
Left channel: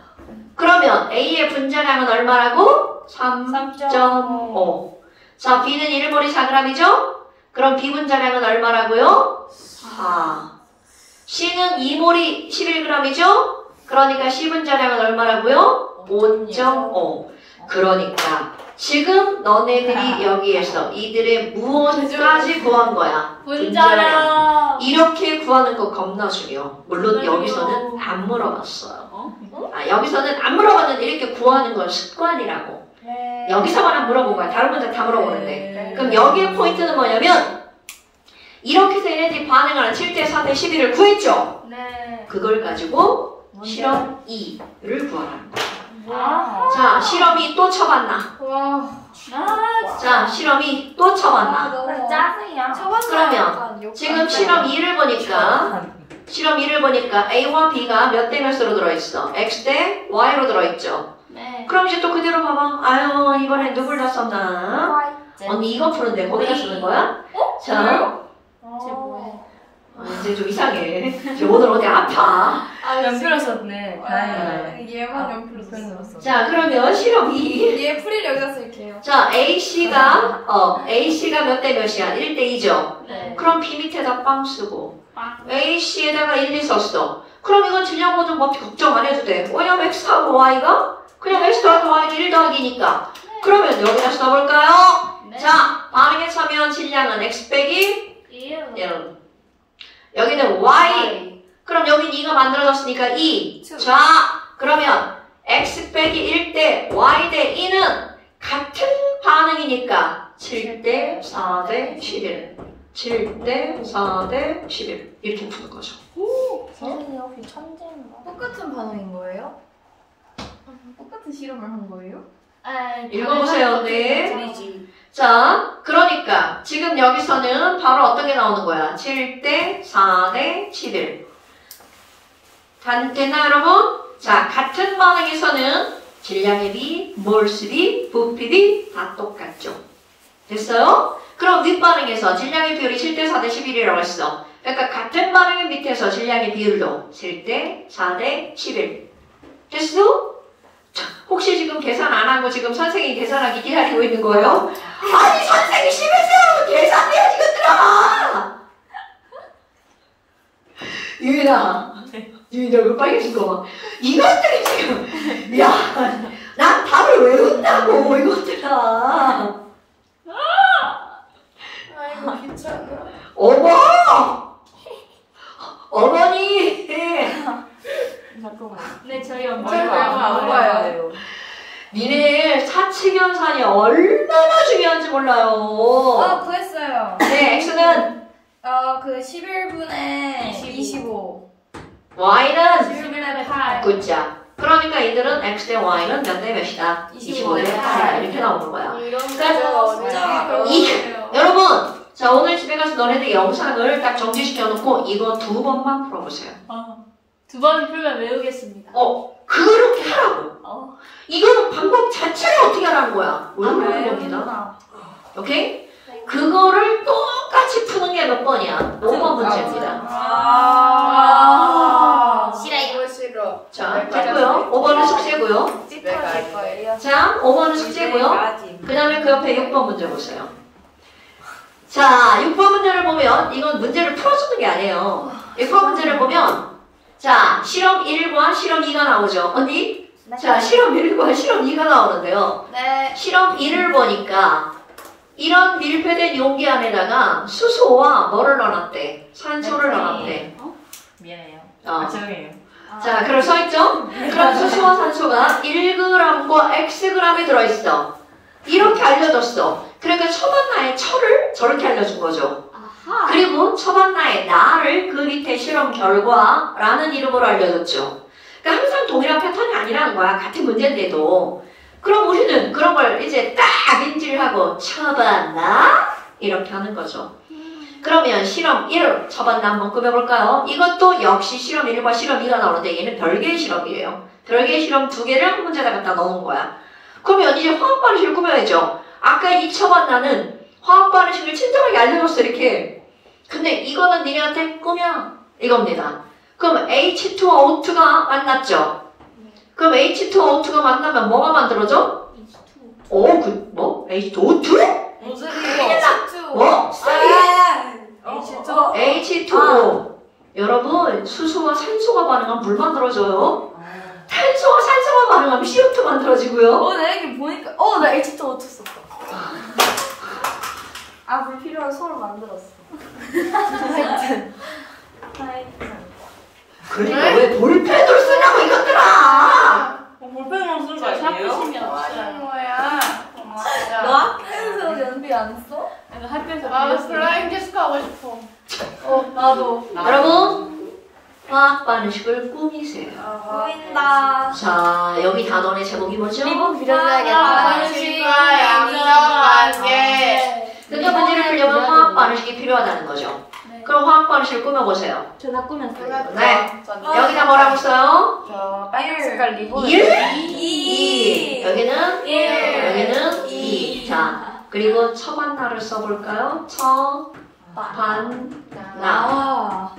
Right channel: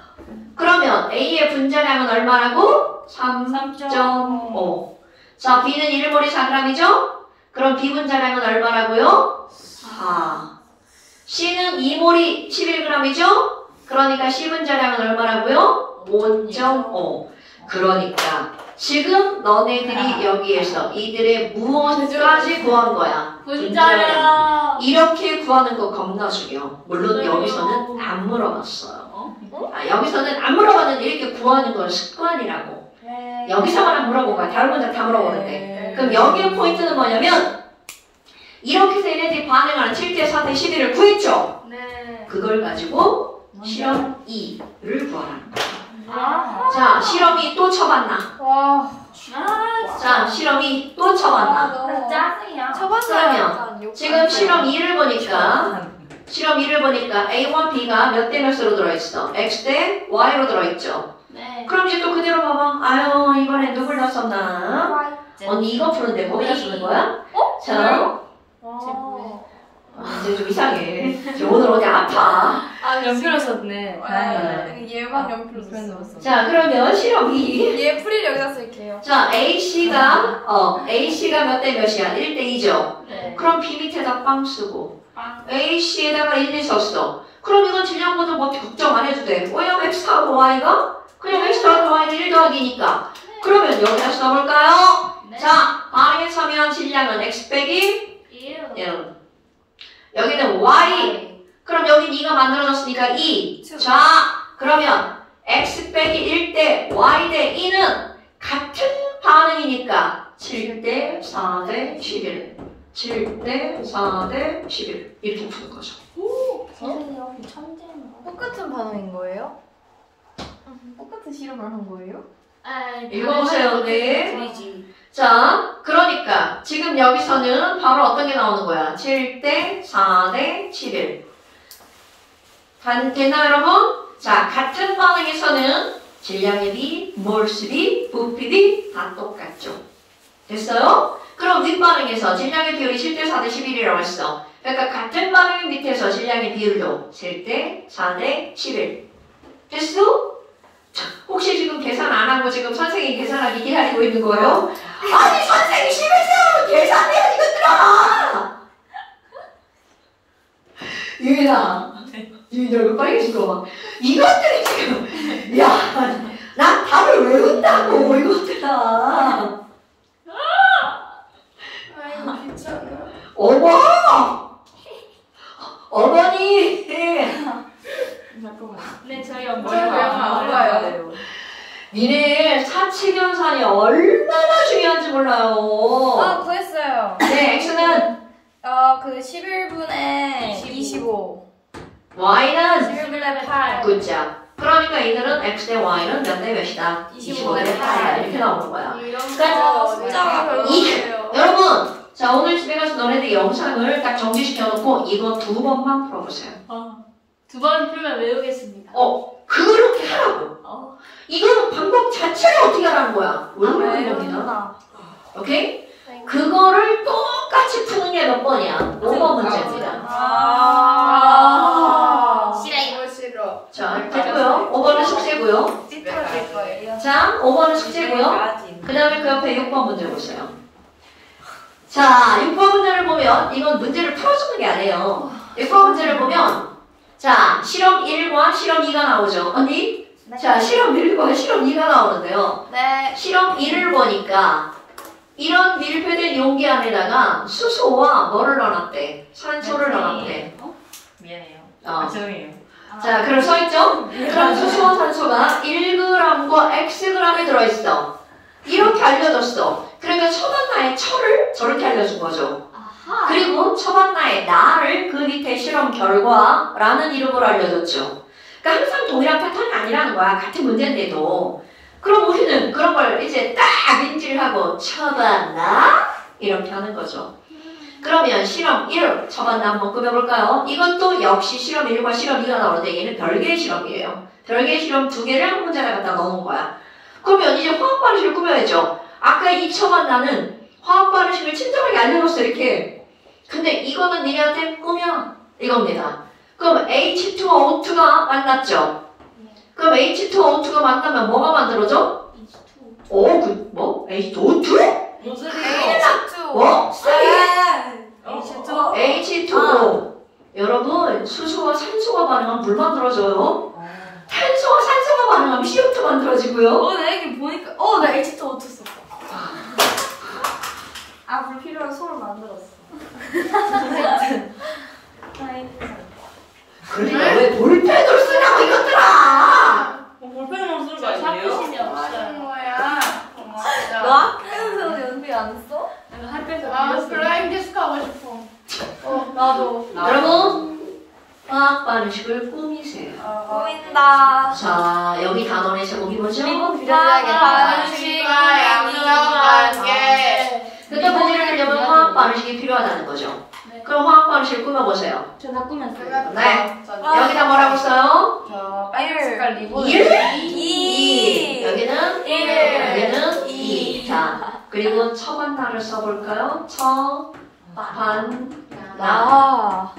그러면 A의 분자량은 얼마라고? 3.5. 자, B는 1몰이 4g이죠? 그럼 B 분자량은 얼마라고요? 4. C는 2몰이 11g이죠? 그러니까 C 분자량은 얼마라고요? 5.5. 그러니까 지금 너네들이 여기에서 이들의 무엇까지 구한 거야? 분자량. 이렇게 구하는 거 겁나 중요. 물론 여기서는 안 물어봤어요. 여기서는 안 물어봤는데 이렇게 구하는 건 습관이라고. 여기서만 안 물어본 거야. 다른 문제 다 물어보는데. 그럼 여기의 포인트는 뭐냐면 이렇게 해서 얘네들이 반응하는 7대 4대 11을 구했죠? 네. 그걸 가지고 실험 2를 구하라는 거야. 자, 실험이 또 쳐봤나? 와. 자, 실험이 또 쳐봤나? 짜증이야. 그러면 지금 실험 2를 보니까 A와 B가 몇 대 몇으로 들어있어? X 대 Y로 들어있죠? 네. 그럼 이제 또 그대로 봐봐. 아유, 이번엔 누굴 다 썼나? 언니 이거 푸는데 거기다 쓰는 거야? 자, 제 뭐예요? 이제 좀 이상해. 저 오늘 어디 아파. 연필을 썼네. 얘만 연필로 썼어. 자, 그러면 실험 2. 얘 풀이를 여기다 쓸게요. 자, A씨가 몇 대 몇이야? 1대 2죠? 네. 그럼 B 밑에다 빵 쓰고 A씨에다가 1, 2 썼어. 그럼 이건 질량보다 뭐 걱정 안 해도 돼. 왜냐면 X하고 Y가 그냥 X하고 Y는 1 더하기니까. 그러면 여기다 써볼까요? 네. 자, 반응에 차면 질량은 X 빼기 1. 1. 여기는 Y. 그럼 여기 2가 만들어졌으니까 2. 자, 그러면 X 빼기 1대 Y 대 2는 같은 반응이니까 7대 4대 11. 7대 4대 11. 이렇게 푸는 거죠. 선생님 혹시 천재인가? 똑같은 반응인 거예요? 똑같은 실험을 한 거예요? 읽어보세요, 네. 드리지. 자, 그러니까 지금 여기서는 바로 어떤 게 나오는 거야? 7대 4대 11. 됐나요, 여러분? 자, 같은 반응에서는 질량의 비, 몰스 비, 부피 비 다 똑같죠. 됐어요? 그럼 윗반응에서 질량의 비율이 7대 4대 11이라고 했어. 그러니까 같은 반응의 밑에서 질량의 비율도 7대 4대 11. 됐어? 자, 혹시 지금 계산 안 하고 지금 선생님이 계산하기 기다리고 있는 거예요? 아니, 선생님이 심했어요! 계산해야지, 이것들아! 유인아, 유인아, 왜 빨개진 거 봐. 이것들이 지금, 야, 난 답을 외운다고, 이것들아. 아이고 귀찮아. 어머니! 잠깐만. 네, 저희 엄마. 저희 엄마 안 봐요. 니네 사칙연산이 얼마나 중요한지 몰라요. 구했어요. 네, X는 그 11분의 25. Y는 11분의 8. 굿자. 그러니까 이들은 X 대 Y는 몇 대 몇이다? 25대 8 이렇게 나오는 거야. 이런 그러니까 거 숫자가 별로예요. 여러분, 자 오늘 집에 가서 너네들 영상을 딱 정지시켜 놓고 이거 2번만 풀어보세요. 2번 풀면 외우겠습니다. 그렇게 하라고. 이거는 방법 자체를 어떻게 하라는 거야? 외우라는 겁니다. 오케이? 그거를 똑같이 푸는 게 몇 번이야? 5번 문제입니다. 싫어 싫어. 자, 됐고요. 5번은 숙제고요. 찌푸러질 거예요. 자, 5번은 숙제고요. 그 다음에 그 옆에 6번 문제 보세요. 자, 6번 문제를 보면 이건 문제를 풀어주는 게 아니에요. 6번 문제를 보면 자, 실험 1과 실험 2가 나오죠. 언니? 자, 실험 1과 실험 2가 나오는데요. 네. 실험 1을 보니까 이런 밀폐된 용기 안에다가 수소와 뭐를 넣어놨대? 산소를 넣어놨대. 미안해요. 어. 죄송해요. 자, 그럼 써있죠? 그럼 수소와 산소가 1g과 xg에 들어있어. 이렇게 알려줬어. 그러니까 초반나의 철을 저렇게 알려준 거죠. 그리고 초반나의 나를 그 밑에 실험 결과라는 이름으로 알려줬죠. 그러니까 항상 동일한 패턴이 아니라는 거야. 같은 문제인데도. 그럼 우리는 그런 걸 이제 딱 인지하고 초반나 이렇게 하는 거죠. 그러면 실험 1 초반나 한번 꾸며볼까요? 이것도 역시 실험 1과 실험 2가 나오는데 얘는 별개의 실험이에요. 별개의 실험 2개를 한 문제에다 갖다 넣은 거야. 그러면 이제 화학 반응식을 꾸며야죠. 아까 이 초반나는 화학 반응식을 친절하게 알려줬어 이렇게. 근데 이거는 니네한테 꾸며 이겁니다. 그럼 H2O2가 만났죠. 그럼 H2O2가 만나면 뭐가 만들어져? 뭐? H2O2? 무슨 H2O. 뭐? H2O. 여러분, 수소와 산소가 반응하면 물 만들어져요. 탄소와 산소가 반응하면 CO2 만들어지고요. 나 이렇게 보니까 나 H2O2 썼어. 불필요한 소를 만들었어. 그러니까 왜 볼펜을 쓰냐고 이것들아! 볼펜으로 쓰는 거 샤프심이 뭐 없어요. 하는 거야? 너 학교에서 연비 안 써? 학교에서 아 배웠어요. 플라잉 키스 하고 싶어. 나도. 여러분, 화학 반응식을 꾸미세요. 보인다. 자, 여기 단원의 제목이 뭐죠? 반응식. 양념하게. 그러니까 문제를 풀려면 화학 반응식이 필요하다는 거죠. 네. 그럼 화학 반응식을 꾸며보세요. 전화 꾸몄어요. 네. 여기다 뭐라고 써요? 빨간 색깔 리본. 1, 2. 여기는 1, 여기는 2. 자, 그리고 처반나를 써볼까요? 나.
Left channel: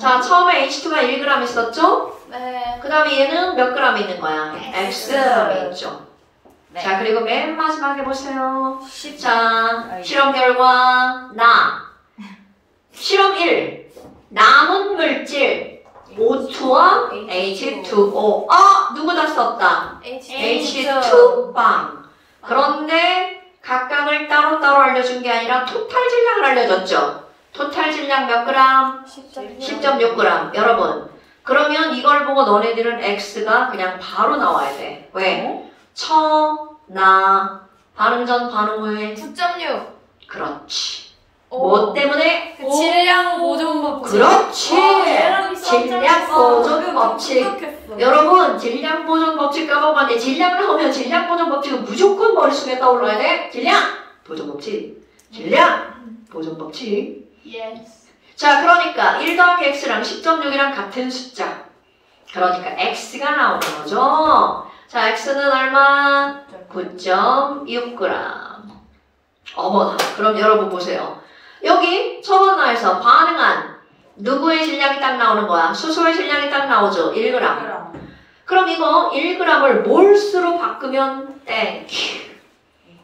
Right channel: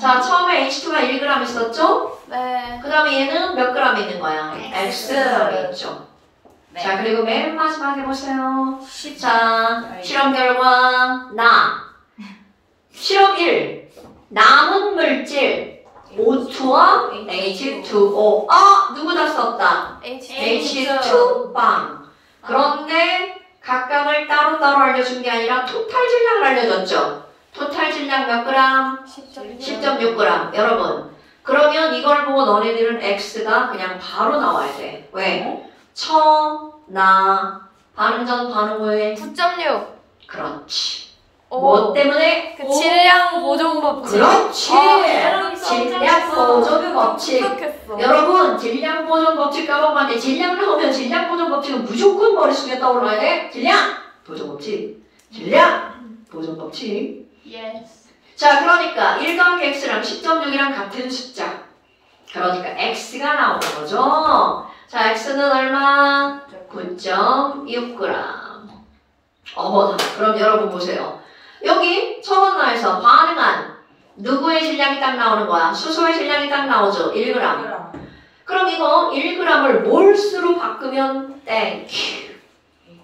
자, 처음에 H2가 1g 있었죠? 네. 그 다음에 얘는 몇 g 있는 거야? Xg이 있죠. 네. 자, 그리고 맨 마지막에 보세요. 자, 실험 결과 나. 실험 1. 남은 물질 O2와 H2O. 누구 다 썼다? H2빵. 그런데 각각을 따로따로 알려준 게 아니라 토탈 질량을 알려줬죠. 토탈 질량 몇 그램? 10.6g. 여러분, 그러면 이걸 보고 너네들은 X가 그냥 바로 나와야 돼. 왜? 나, 반응 전, 반응 후에. 9.6. 그렇지. 뭐 때문에? 그 질량 보존 법칙. 그렇지. 질량 보존 법칙. 똑똑했어. 여러분, 질량 보존 법칙 까먹었는데 질량 나오면 질량 보존 법칙은 무조건 머릿속에 떠올라야 돼. 질량 보존 법칙. 질량 보존 법칙. Yes. 자, 그러니까 1 더하기 x랑 10.6이랑 같은 숫자. 그러니까 x가 나오는 거죠. 자, x는 얼마? 9.6g. 어머나. 그럼 여러분 보세요. 여기 처번나에서 반응한 누구의 질량이 딱 나오는 거야? 수소의 질량이 딱 나오죠. 1g. 그럼 이거 1g을 몰수로 바꾸면 땡큐.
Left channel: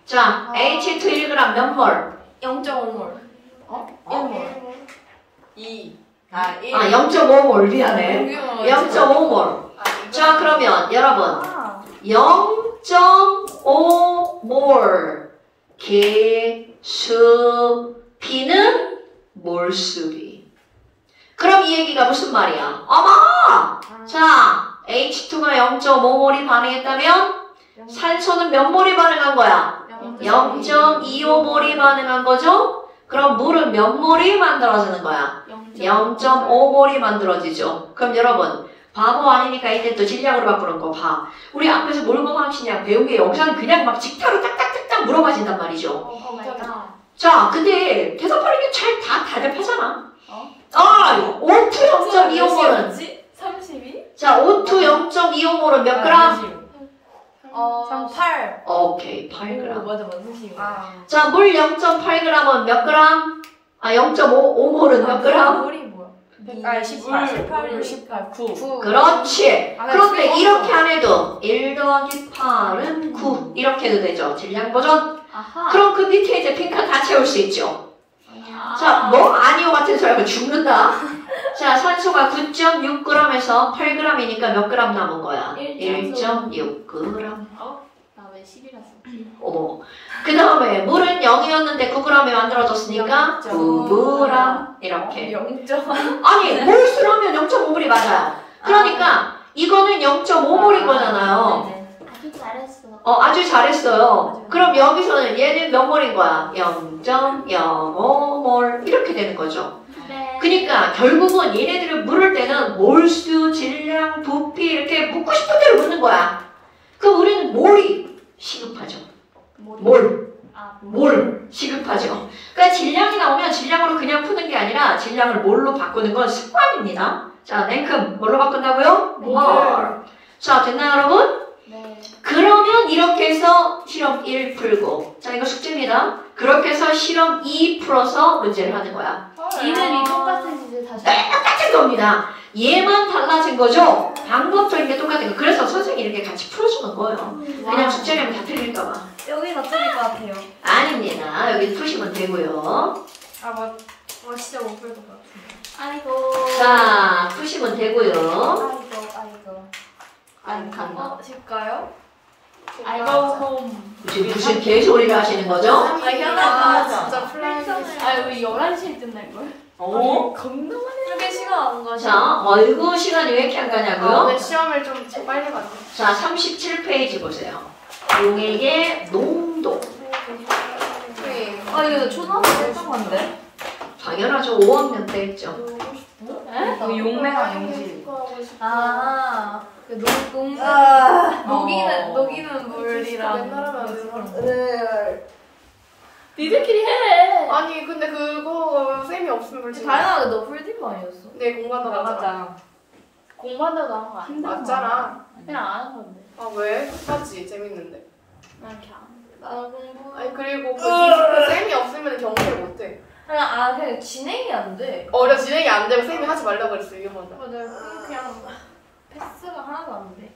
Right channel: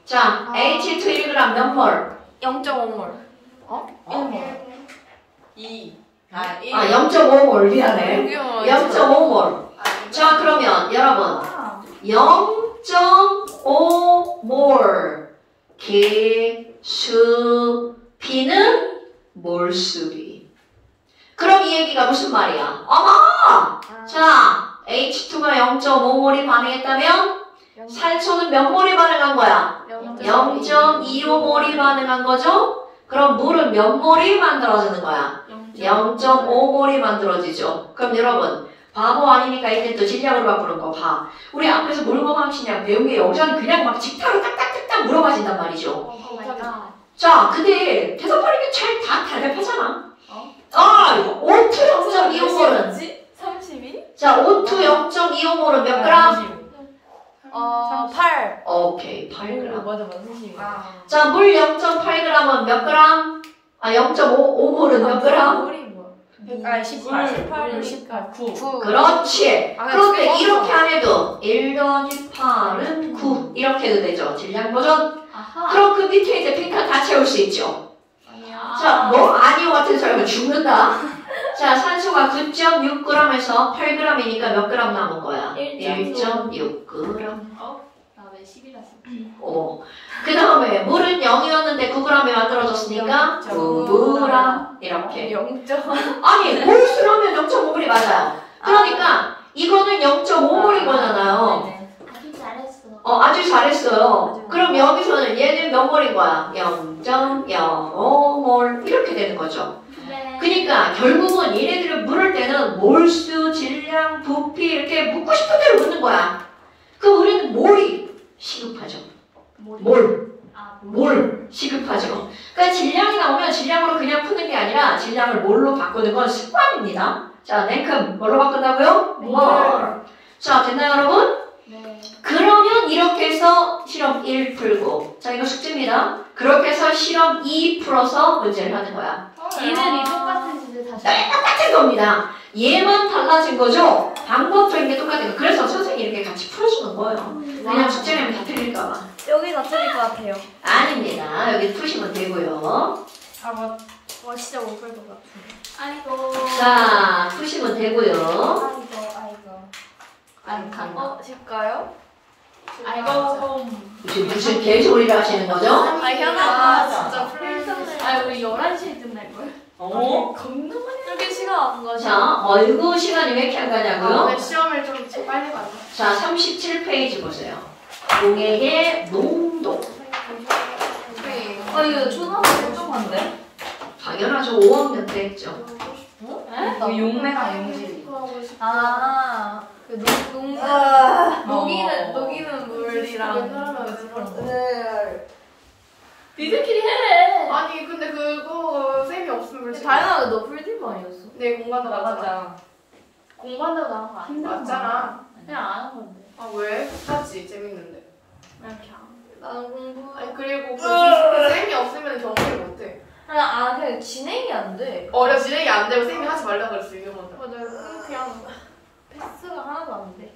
자, H2 1g 몇 몰? 0.5몰. 1몰. 2. 1. 0.5몰. 미안해. 0.5몰. 자, 그러면 여러분 0.5몰 개수 B는 몰수비. 그럼 이 얘기가 무슨 말이야? 어머! 자, H2가 0.5몰이 반응했다면 산소는 몇 몰이 반응한 거야? 0.25몰이 반응한 거죠? 그럼 물은 몇 몰이 만들어지는 거야? 0.5몰이 만들어지죠. 그럼 여러분, 바보 아니니까 이때 또 질량으로 바꾸는 거 봐. 우리 앞에서 몰고망치냐 배운 게 여기서는 그냥 막 직타로 딱딱딱딱 물어봐진단 말이죠. 자, 근데 대답하는 게 잘 다 대답하잖아. O2 0.25몰은 32? 자, O2 0.25몰은 몇 그램? 8. 오케이, 8g. 맞아, 32. 자, 물 0.8g은 몇 그램? 0.5몰은 몇 그램? 물이 뭐야? 18. 18, 18. 9. 9. 그렇지. 아, 그런데 그게 이렇게 안 해도 1 더하기 8은 9 이렇게 해도 되죠. 질량 보존. 아하. 그럼 그 밑에 이제 핑크 다 채울 수 있죠. 자, 뭐 아니요 같은 소리 하면 죽는다. 자, 산소가 9.6g에서 8g이니까 몇 g 남은 거야? 1.6g. 나왜 10이라서? 그 다음에 물은 0이었는데 9g에 만들어졌으니까 9g. 이렇게. 0. 아니, 몰수로 하면 0.5몰이 맞아요. 그러니까 이거는 0.5몰인 거잖아요. 아주 잘했어. 아주 잘했어요. 그럼 여기서는 얘는 몇 몰인 거야? 0.05몰 이렇게 되는 거죠. 네. 그러니까 결국은 얘네들을 물을 때는 몰수, 질량, 부피 이렇게 묻고 싶은 대로 묻는 거야. 그럼 우리는 몰이 시급하죠. 몰 시급하죠. 그러니까 질량이 나오면 질량으로 그냥 푸는 게 아니라 질량을 몰로 바꾸는 건 습관입니다. 자, 냉큼 뭘로 바꾼다고요? 몰. 자, 됐나요, 여러분? 네. 그러면 이렇게 해서 실험 1 풀고, 자, 이거 숙제입니다. 그렇게 해서 실험 2 풀어서 문제를 하는 거야. 이들이 똑같은 짓을 다시. 똑같은 겁니다. 얘만 달라진 거죠? 방법적인 게 똑같은 거. 그래서 선생님이 이렇게 같이 풀어주는 거예요. 그냥 숙제면 다 틀릴까봐. 여기 다 틀릴 것 같아요. 아닙니다. 여기 푸시면 되고요. 진짜 못 풀 것 같은데. 아이고. 자, 푸시면 되고요. 아이고. 질까요? 아이고. 무슨 개소리를 하시는 거죠? 현아가 진짜 필성을. 우리 11시에 끝날걸? 겁나 많이 풀게 시간 안 가죠. 자, 어이구, 시간이 왜 이렇게 안 가냐고요? 근데 시험을 좀 빨리 가자. 자, 37페이지 보세요. 용액의 농도. 이거 초등학교 때 건데? 당연하죠. 5학년 때 했죠. 이거 용매와 용실. 녹이는 물이랑. 니들끼리 해. 아니 근데 그거 쌤이 없으면 우리 다현아, 너 풀디브 아니었어? 내 공부한다고 하잖아. 맞아요. 공부한다고 나온 거 아니야? 맞잖아. 그냥 안 한 건데. 아 왜? 끝까지 재밌는데. 그냥 나는 공부. 아니 그리고 그 쌤이 없으면 경험을 못해. 그냥 진행이 안 돼. 어려 진행이 안 되고 쌤이 하지 말라 그랬어 위험한다. 맞아요. 그냥 패스가 하나도 안 돼.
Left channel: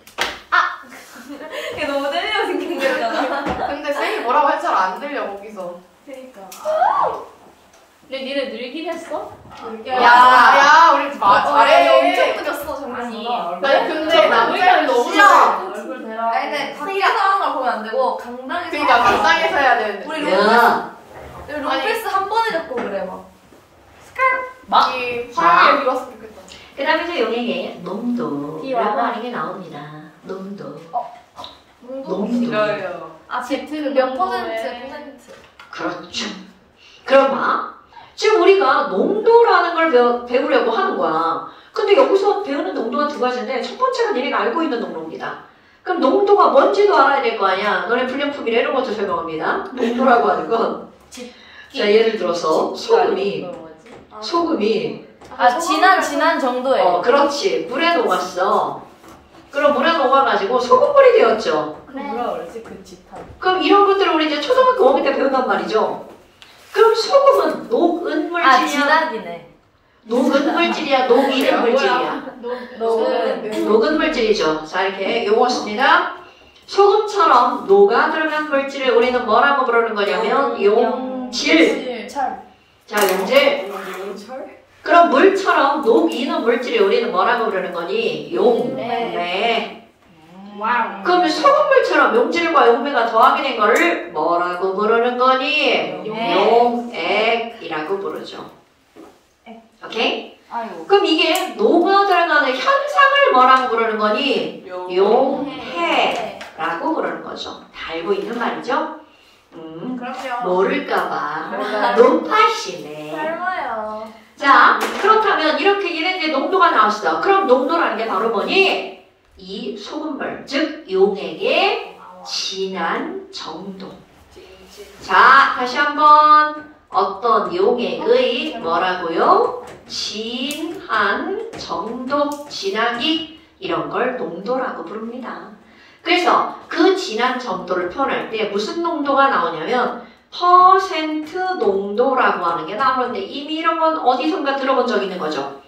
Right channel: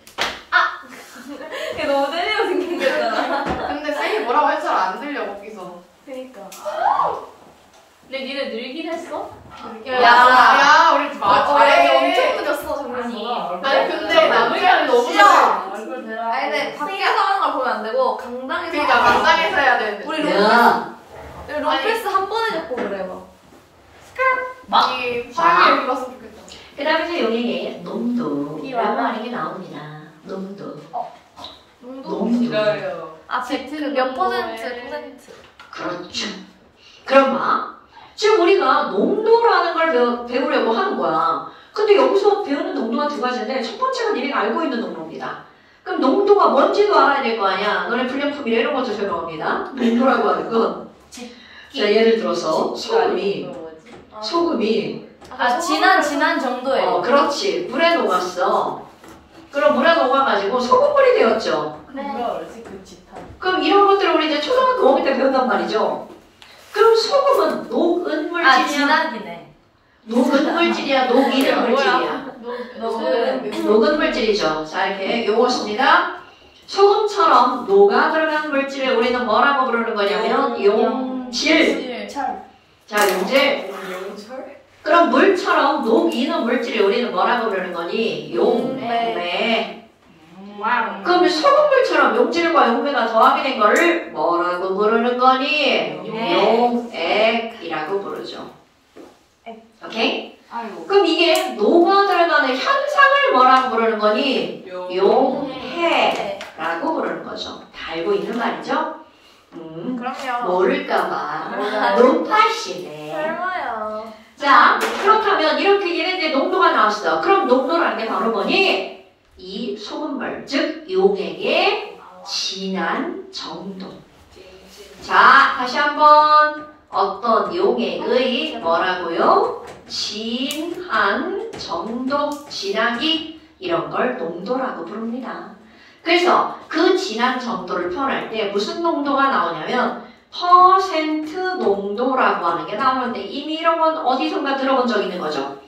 이게 너무 때리고 생겼잖아. 근데 쌤이 뭐라고 해도 잘 안 들려 거기서. 그니까. 근데 니네 늘긴 했어? 야 우리 잘해. 야, 엄청 늦었어, 정말보다. 아니 근데 남자를 너무 잘해. 얼굴 대라. 아니, 근데 밖에서 하는 걸 보면 안 되고, 강당에서. 그러니까 하는 거야. 강당에서 해야 되는데. 우리 야, 롱패스 한 번에 잡고 그래, 막. 이 화요일에 비웠으면 좋겠다. 그 다음에 용에게 농도라고 비와봐. 하는 게 나옵니다. 농도. 농도? 농도. 아, 몇 퍼센트? 그렇죠. 그럼 봐. 지금 우리가 농도라는 걸 배우려고 하는 거야. 근데 여기서 배우는 농도가 두 가지인데 첫 번째가 니네가 알고 있는 농도입니다. 그럼 농도가 뭔지도 알아야 될 거 아니야. 너네 불량품이라 이런 것도 설명합니다. 농도라고 하는 건 자, 예를 들어서 소금이 진한 정도예요. 그렇지. 물에 녹았어. 그럼 물에 녹아가지고 소금물이 되었죠. 뭐라 그러지? 그 짓한. 그럼 이런 것들을 우리 이제 초등학교 5학년 때 배운단 말이죠. 그럼 소금은 녹은 물질이야? 진하기네. 녹은 물질이야? 녹이는 물질이야? 녹은 물질이죠. 자, 이렇게 요거 씁니다. 소금처럼 녹아 들어간 물질을 우리는 뭐라고 부르는 거냐면 용질. 철. 자, 용질. 용철? 그럼 물처럼 녹이는 물질을 우리는 뭐라고 부르는 거니? 용매. 와우. 그럼 소금물처럼 용질과 용매가 더하게 된 거를 뭐라고 부르는 거니? 용액이라고 부르죠. 오케이? 아이고. 그럼 이게 녹아 들어가는 현상을 뭐라고 부르는 거니? 용해라고 부르는 거죠. 다 알고 있는 말이죠? 그럼요. 모를까봐 논파시네. 설마요. 자, 그렇다면 이렇게 얘네들 농도가 나왔어. 그럼 농도라는 게 바로 뭐니? 이 소금물, 즉 용액의 진한 정도. 자, 다시 한번 어떤 용액의 뭐라고요? 진한 정도, 진하기 이런 걸 농도라고 부릅니다. 그래서 그 진한 정도를 표현할 때 무슨 농도가 나오냐면 퍼센트 농도라고 하는 게 나오는데 이미 이런 건 어디선가 들어본 적 있는 거죠.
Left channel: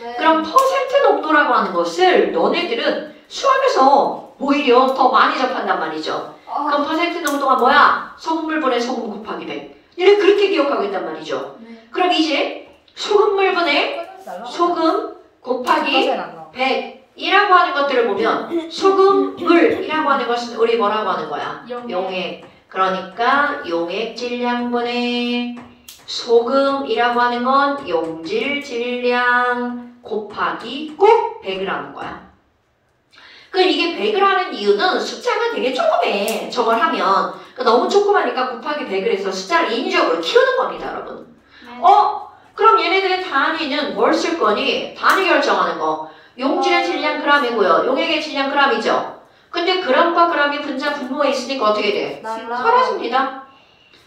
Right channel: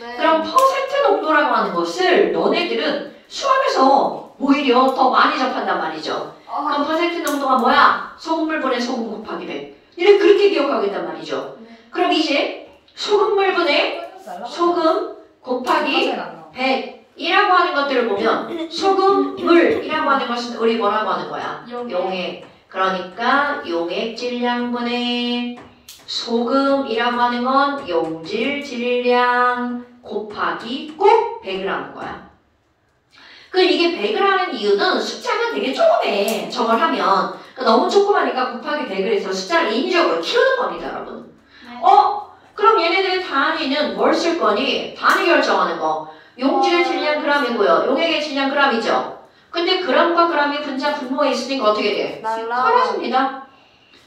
네. 그럼 퍼센트 농도라고 하는 것을 너네들은 수학에서 오히려 더 많이 접한단 말이죠. 그럼 퍼센트 농도가 뭐야? 소금물분의 소금 곱하기 100. 이렇게 그렇게 기억하고 있단 말이죠. 그럼 이제 소금물분의 소금 곱하기 100이라고 하는 것들을 보면 소금물이라고 하는 것은 우리 뭐라고 하는 거야? 용액. 그러니까 용액 질량분의 소금이라고 하는 건 용질 질량 곱하기 꼭 100을 하는 거야. 그 이게 100을 하는 이유는 숫자가 되게 조그매. 저걸 하면 너무 조그마니까 곱하기 100을 해서 숫자를 인위적으로 키우는 겁니다, 여러분. 그럼 얘네들의 단위는 뭘 쓸 거니? 단위 결정하는 거. 용질의 질량 g이고요. 용액의 질량 g이죠. 근데 g과 g이 분자 분모에 있으니까 어떻게 돼? 사라집니다.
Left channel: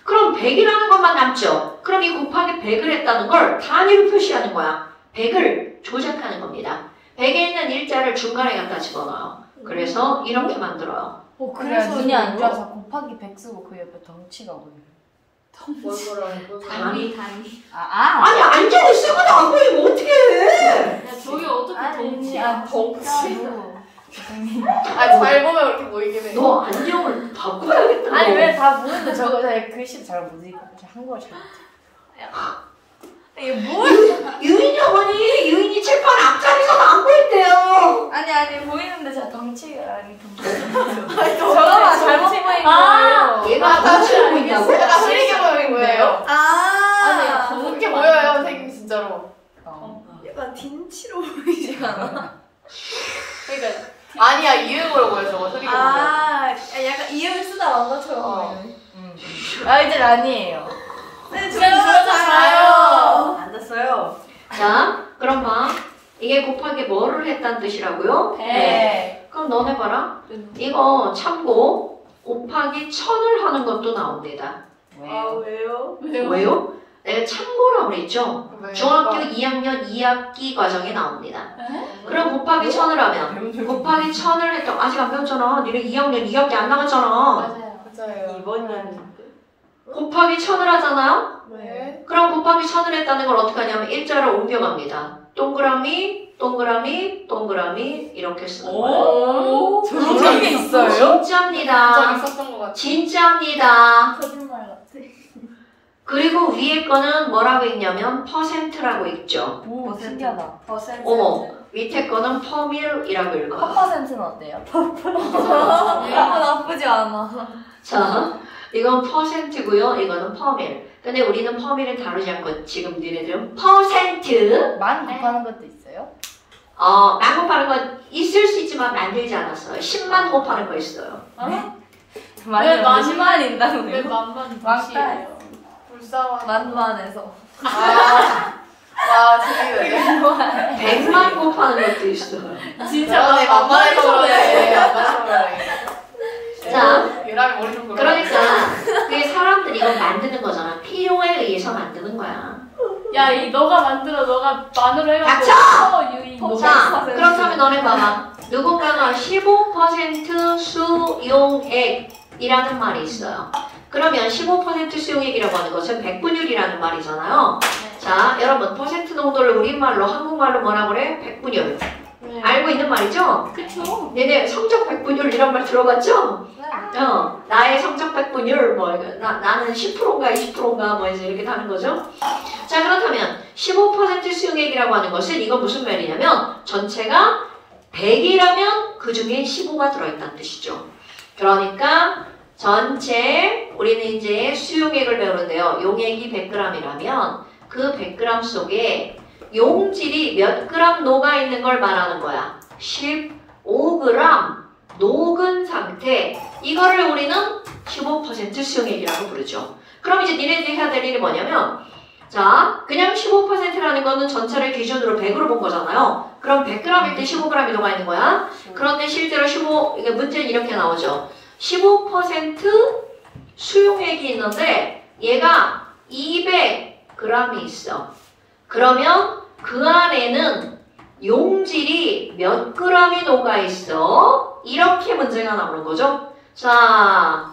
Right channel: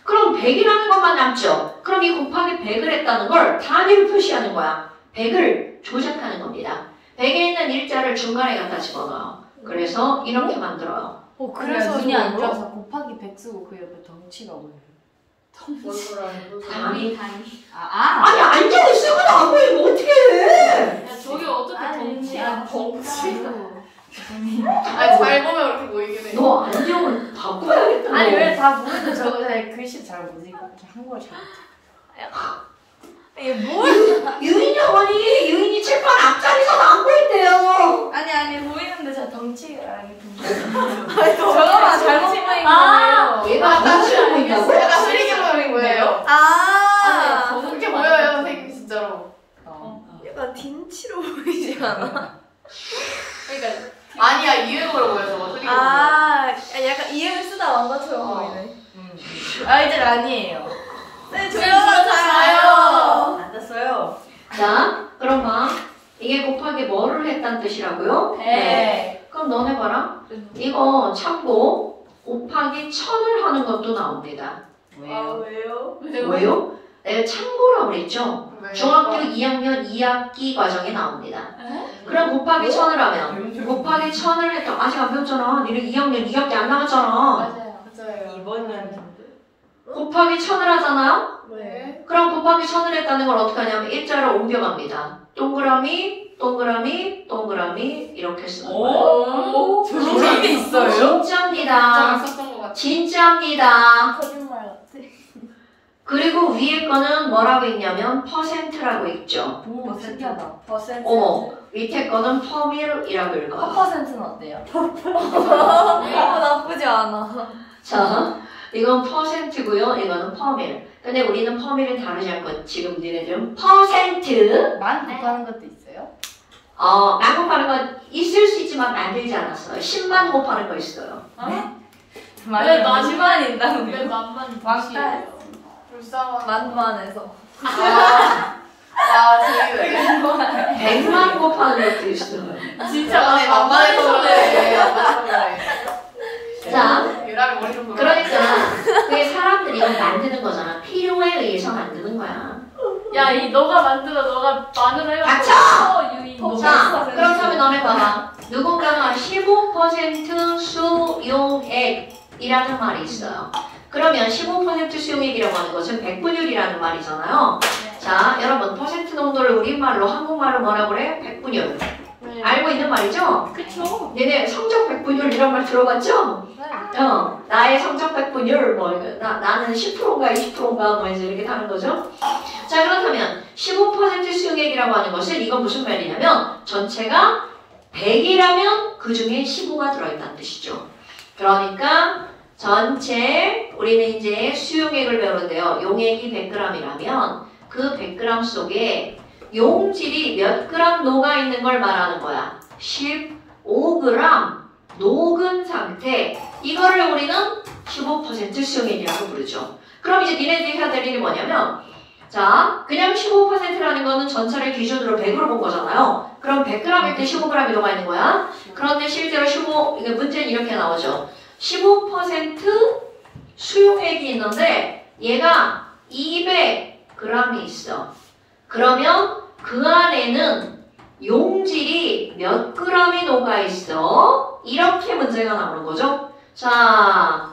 그럼 100이라는 것만 남죠. 그럼 이 곱하기 100을 했다는 걸 단위로 표시하는 거야. 100을 조작하는 겁니다. 100에 있는 일자를 중간에 갖다 집어넣어요. 그래서 이렇게 만들어요. 그래서 눈이 안 좋아서 곱하기 100 쓰고 그 옆에 덩치가 보여요. 단위. 아니 아니 앉아 있을 거안 보이면 어떻게 해? 야 저기 어떻게 덩치야? 아니 잘 보면 그렇게 보이긴 해. 너 안경을 바꿔야겠다. 아니 왜 다 보는데 저거 잘 글씨 잘 못 읽고 이렇게 한국어 잘 이게 뭘? 유인이 어머니, 유인이 칠판 앞자리에서 안 보인대요. 아니 보이는데 저 덩치가 아니 저거만 잘못 보인 거예요. 얘가 덩치를 보인다고? 제가 실기적인 거예요. 아, 그렇게 보여요 선생님 진짜로. 약간 딘치로 보이지 않아? 그러니까 아니야 이해도로 보여서 어떻게 보여? 약간 이음을 쓰다 왕가처럼 보이네. 아 이제 아니에요. 네, 저희가 자요. 앉았어요. 자, 그럼 봐. 이게 곱하기 뭐를 했다는 뜻이라고요? 네. 그럼 너네 봐라. 이거 참고 곱하기 1000을 하는 것도 나옵니다. 왜요? 왜요? 내가 참고라고 그랬죠? 중학교 2학년 2학기 과정에 나옵니다. 그럼 곱하기 1000을 하면 곱하기 1000을 했다. 아직 안 배웠잖아. 니네 2학년 2학기 안 나갔잖아. 맞아요. 있어요. 이번은 곱하기 1000을 하잖아. 네. 그럼 곱하기 1000을 했다는 걸 어떻게 하냐면 일자를 옮겨갑니다. 동그라미, 동그라미, 동그라미 이렇게 쓰는 거예요. 오? 저런 게 있어요? 진짜입니다. 저 있었던 것 같아요. 진짜입니다. 거짓말 같아. 그리고 위에 거는 뭐라고 있냐면 퍼센트라고 있죠. 오, 신기하다. 퍼센트. 어머, 밑에 거는 퍼밀이라고 읽어. 퍼센트는 어때요? 나쁘지 않아. 자, 이건 퍼센트고요. 이거는 퍼밀. 근데 우리는 퍼밀을 다루지 않고 지금 니네들은 퍼센트. 만 곱하는 것도 있어요? 만 곱하는 건 있을 수 있지만 만들지 않았어요. 10만 곱하는 거 있어요. 왜 만- 10만 인다고요? 왜 만만 맞다. 불쌍한. 만만해서. 아, 저기 100만 곱하는 것도 있어요. 진짜 저번에 만만해서 그래. 만만해서 그래. 자, 유람이 머리 좀 그러니까 그게 사람들이 이건 만드는 거잖아. 필요에 의해서 만드는 거야. 야, 이 너가 만들어, 너가 만으로 해가지고 유인. 자, 그렇다면 너네 봐봐. 누군가가 15% 수용액이라는 말이 있어요. 그러면 15% 수용액이라고 하는 것은 백분율이라는 말이잖아요. 자, 여러분 퍼센트 농도를 우리말로 한국말로 뭐라 그래? 백분율. 알고 있는 말이죠? 그쵸? 얘네 성적 백분율 이런 말 들어봤죠? 네. 나의 성적 백분율 나는 10%인가 20%인가 뭐 이제 이렇게 하는 거죠. 자, 그렇다면 15% 수용액이라고 하는 것은 이건 무슨 말이냐면 전체가 100이라면 그 중에 15가 들어있다는 뜻이죠. 그러니까 전체 우리는 이제 수용액을 배우는데요. 용액이 100g이라면 그 100g 속에 용질이 몇 그램 녹아있는 걸 말하는 거야. 15g 녹은 상태. 이거를 우리는 15% 수용액이라고 부르죠. 그럼 이제 니네들이 해야 될 일이 뭐냐면 자, 그냥 15%라는 거는 전체를 기준으로 100으로 본 거잖아요. 그럼 100g일 때 15g이 녹아있는 거야. 그런데 실제로 이게 문제는 이렇게 나오죠. 15% 수용액이 있는데 얘가 200g이 있어. 그러면 그 안에는 용질이 몇 g이 녹아있어? 이렇게 문제가 나오는 거죠. 자,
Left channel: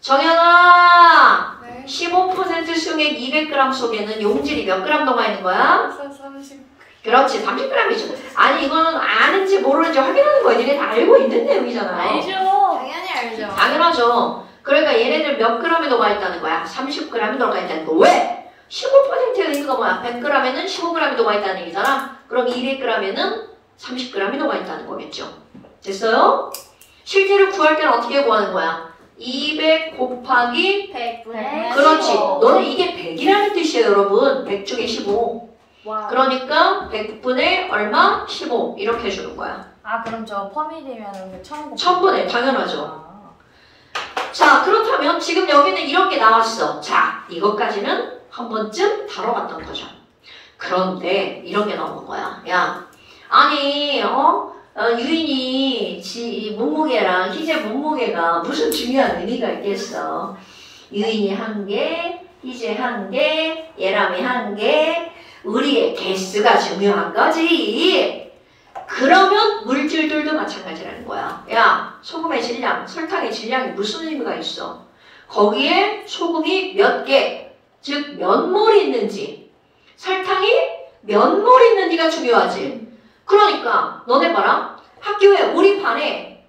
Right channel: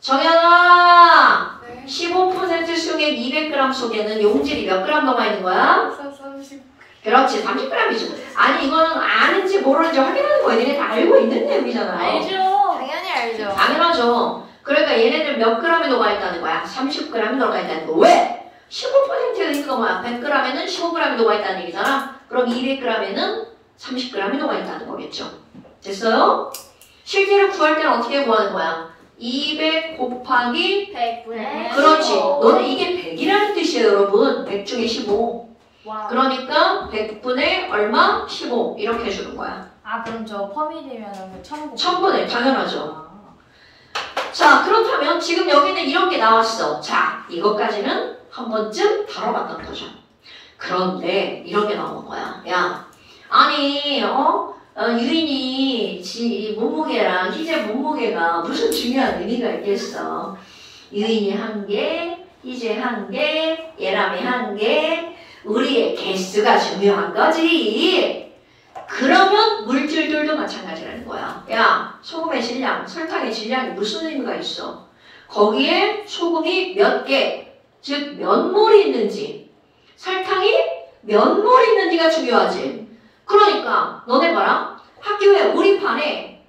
정연아, 네. 15% 수용액 200g 속에는 용질이 몇 g 녹아있는 거야? 30. 그렇지, 30g이죠. 아니, 이거는 아는지 모르는지 확인하는 거야. 얘네 다 알고 있는 내용이잖아요. 알죠? 당연히 알죠. 당연하죠. 그러니까 얘네들 몇 g이 녹아있다는 거야? 30g이 녹아있다는 거. 왜? 15%에 있는 거 뭐야? 100g에는 15g이 녹아있다는 얘기잖아. 그럼 200g에는 30g이 녹아있다는 거겠죠. 됐어요? 실제로 구할 때는 어떻게 구하는 거야? 200 곱하기 100. 그렇지. 너는 이게 100이라는 뜻이에요, 여러분. 100 중에 15. 와. 그러니까 100분의 얼마? 15. 이렇게 해주는 거야. 아, 그럼 저 퍼밀이면 1000분. 1000분의 당연하죠. 자, 그렇다면 지금 여기는 이런 게 나왔어. 자, 이것까지는 한 번쯤 다뤄봤던 거죠. 그런데 이런 게 나온 거야. 야, 아니, 유인이 몸무게랑 희재 몸무게가 무슨 중요한 의미가 있겠어. 유인이 1개, 희재 1개, 예람이 1개, 우리의 개수가 중요한 거지. 그러면 물질들도 마찬가지라는 거야. 야, 소금의 질량, 설탕의 질량이 무슨 의미가 있어? 거기에 소금이 몇 개, 즉 몇 몰이 있는지, 설탕이 몇 몰 있는지가 중요하지. 그러니까 너네 봐라. 학교에 우리 반에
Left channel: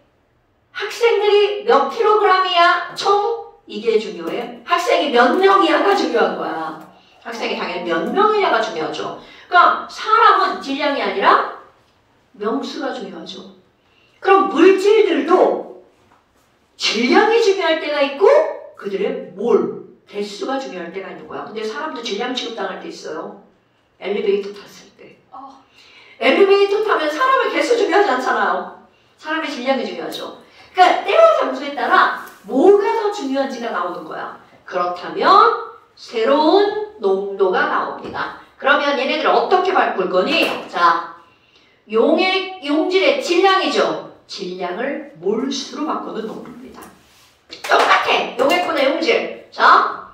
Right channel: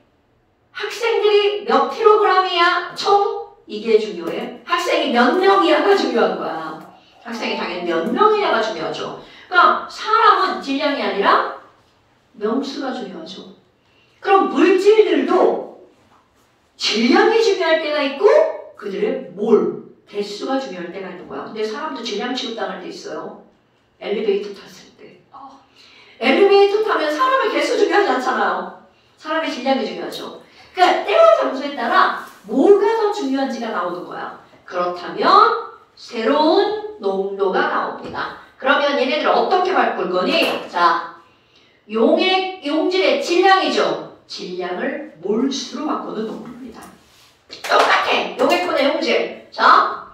학생들이 몇 킬로그램이야 총? 이게 중요해. 학생이 몇 명이야가 중요한 거야. 학생이 당연히 몇 명이야가 중요하죠. 그러니까 사람은 질량이 아니라 명수가 중요하죠. 그럼 물질들도 질량이 중요할 때가 있고 그들의 몰, 개수가 중요할 때가 있는 거야. 근데 사람도 질량 취급당할 때 있어요. 엘리베이터 탔을 때. 엘리베이터 타면 사람의 개수 중요하지 않잖아요. 사람의 질량이 중요하죠. 그러니까 때와 장소에 따라 뭐가 더 중요한지가 나오는 거야. 그렇다면 새로운 농도가 나옵니다. 그러면 얘네들 어떻게 바꿀 거니? 자, 용질의 질량이죠. 질량을 몰수로 바꾸는 농도입니다. 똑같아. 용액분의 용질. 자,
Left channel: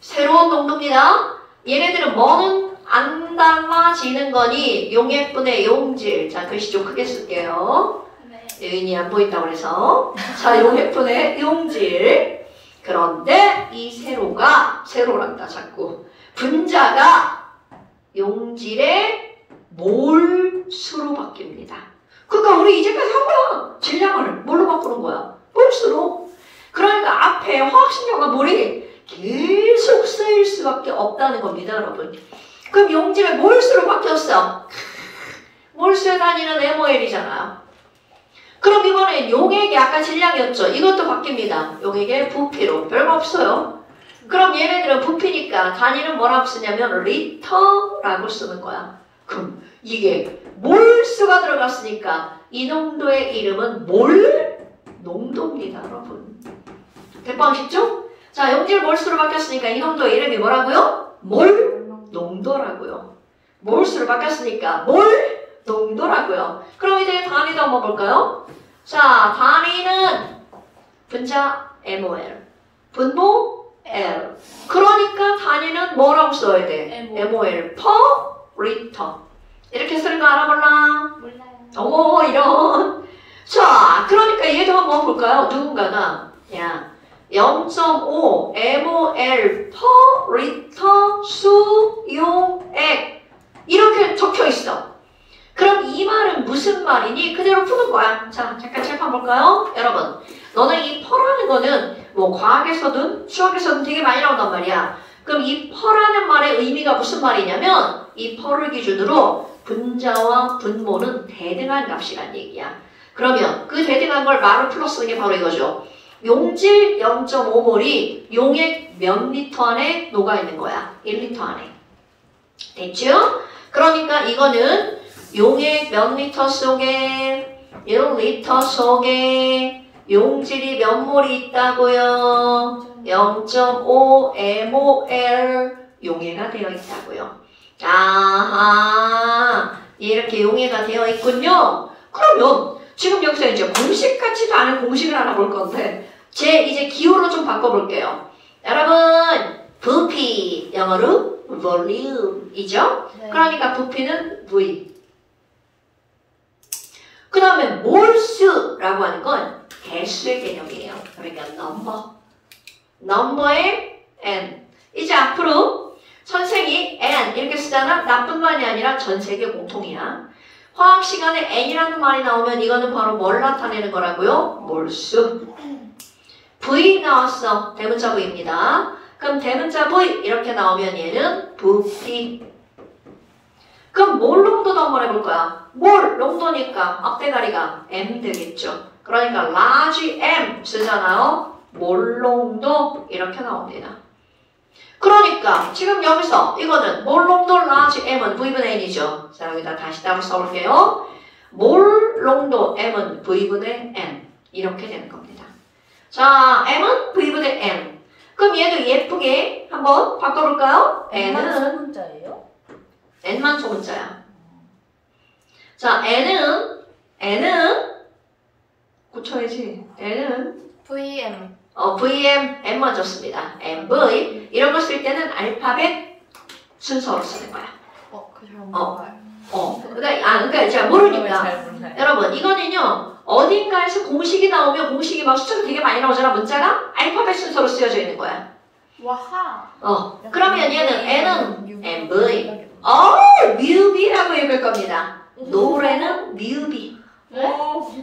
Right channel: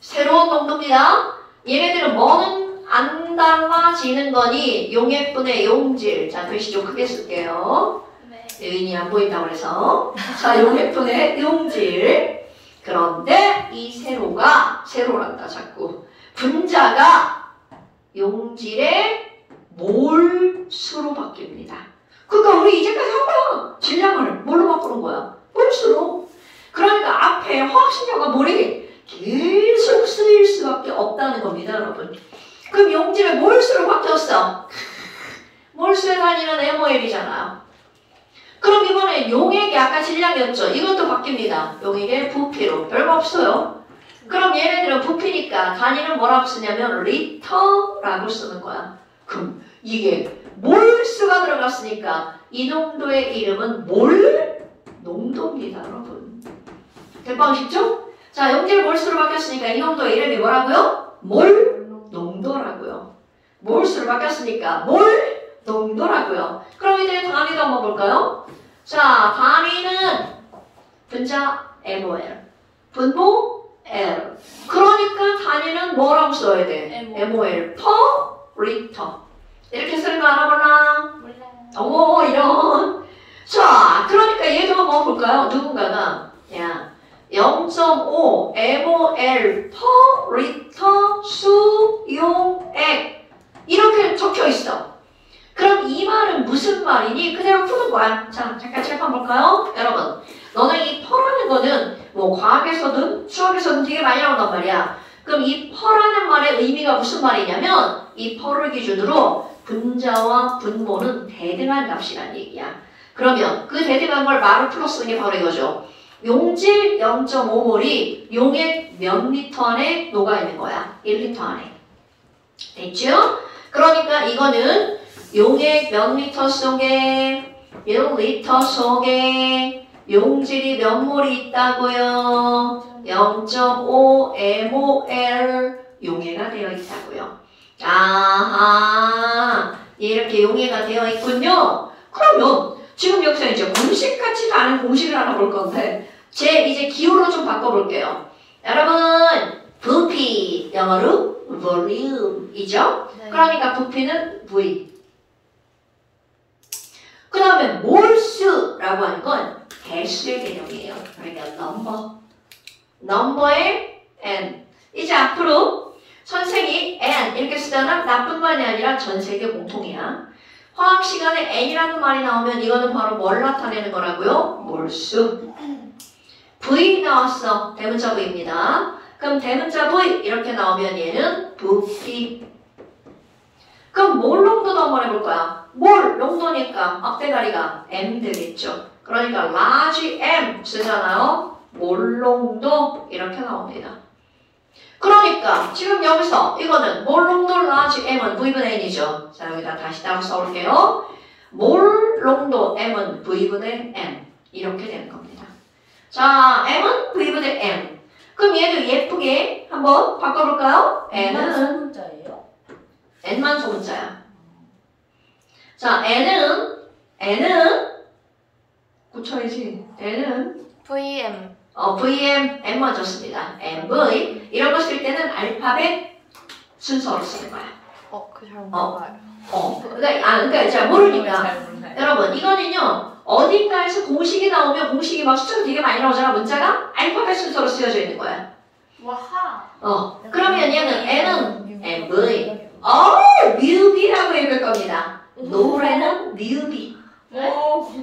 새로운 농도입니다. 얘네들은 뭐는 안 달라지는 거니? 용액분의 용질. 자, 글씨 좀 크게 쓸게요. 네. 유인이 안 보인다고 그래서. 자, 용액분의 용질. 그런데 이 세로란다 자꾸. 분자가 용질의 몰수로 바뀝니다. 그러니까 우리 이제까지 한 거야. 질량을 뭘로 바꾸는 거야? 몰수로. 그러니까 앞에 화학식료가 몰이 계속 쓰일 수밖에 없다는 겁니다, 여러분. 그럼 용질의 몰수로 바뀌었어. 몰수에 다니는 MOL이잖아. 그럼 이번엔 용액이 아까 질량이었죠. 이것도 바뀝니다. 용액의 부피로. 별거 없어요. 그럼 얘네들은 부피니까 단위는 뭐라고 쓰냐면 리터라고 쓰는 거야. 그럼 이게 몰수가 들어갔으니까 이 농도의 이름은 몰 농도입니다, 여러분. 대빵 쉽죠? 자, 용질 몰수로 바뀌었으니까 이 농도의 이름이 뭐라고요? 몰 농도라고요. 몰수로 바뀌었으니까 몰 농도라고요. 그럼 이제 단위도 한번 볼까요? 자, 단위는 분자 MOL, 분모 L. 그러니까 단위는 뭐라고 써야 돼? MOL per liter. 이렇게 쓰는 거 알아볼라? 오, 이런. 자, 그러니까 얘도 한번 볼까요? 누군가가 0.5 MOL per liter 수용액 이렇게 적혀 있어. 그럼 이 말은 무슨 말이니? 그대로 푸는 거야. 자, 잠깐 칠판 볼까요? 여러분, 너네 이 퍼라는 거는 뭐 과학에서든 수학에서든 되게 많이 나온단 말이야. 그럼 이 퍼라는 말의 의미가 무슨 말이냐면 이 퍼를 기준으로 분자와 분모는 대등한 값이란 얘기야. 그러면 그 대등한 걸 말로 풀어 쓰는 게 바로 이거죠. 용질 0.5몰이 용액 몇 리터 안에 녹아 있는 거야. 1리터 안에. 됐죠? 그러니까 이거는 용액 몇 리터 속에 1리터 속에 용질이 몇 몰이 있다고요? 0.5 MOL 용해가 되어 있다고요. 아하, 이렇게 용해가 되어 있군요. 그러면 지금 여기서 이제 공식 같지도 않은 공식을 하나 볼 건데 이제 기호로 좀 바꿔볼게요. 여러분, 부피 영어로 volume이죠? 네. 그러니까 부피는 V. 그 다음에 몰수라고 하는 건 개수의 개념이에요. 그러니까 넘버의 n. 이제 앞으로 선생이 n 이렇게 쓰잖아. 나뿐만이 아니라 전 세계 공통이야. 화학 시간에 n이라는 말이 나오면 이거는 바로 뭘 나타내는 거라고요? 몰수. V 나왔어. 대문자 V입니다. 그럼 대문자 V 이렇게 나오면 얘는 부피. 그럼 몰 농도도 한번 해볼 거야. 몰 농도니까 앞대가리가 M 되겠죠. 그러니까 large M 쓰잖아요. 몰 농도 이렇게 나옵니다. 그러니까 지금 여기서 이거는 몰 농도 large M은 V분의 N이죠. 자, 여기다 다시 따로 써볼게요. 몰 농도 M은 V분의 N 이렇게 되는 겁니다. 자, M은 V분의 N. 그럼 얘도 예쁘게 한번 바꿔볼까요? N은 소문자예요? N만 소문자야. 자, N은 고쳐야지. N은 VM. VM M 먼저 씁니다. MV 이런 거 쓸 때는 알파벳 순서로 쓰는 거야. 그 잘 몰라요. 그러니까 잘 모르니까. 잘 몰라요. 여러분, 이거는요 어딘가에서 공식이 나오면 공식이 막 숫자가 되게 많이 나오잖아. 문자가 알파벳 순서로 쓰여져 있는 거야. 와하. 그러면 얘는 N은 MV, 뮤비라고 읽을 겁니다. 노래는 뮤비.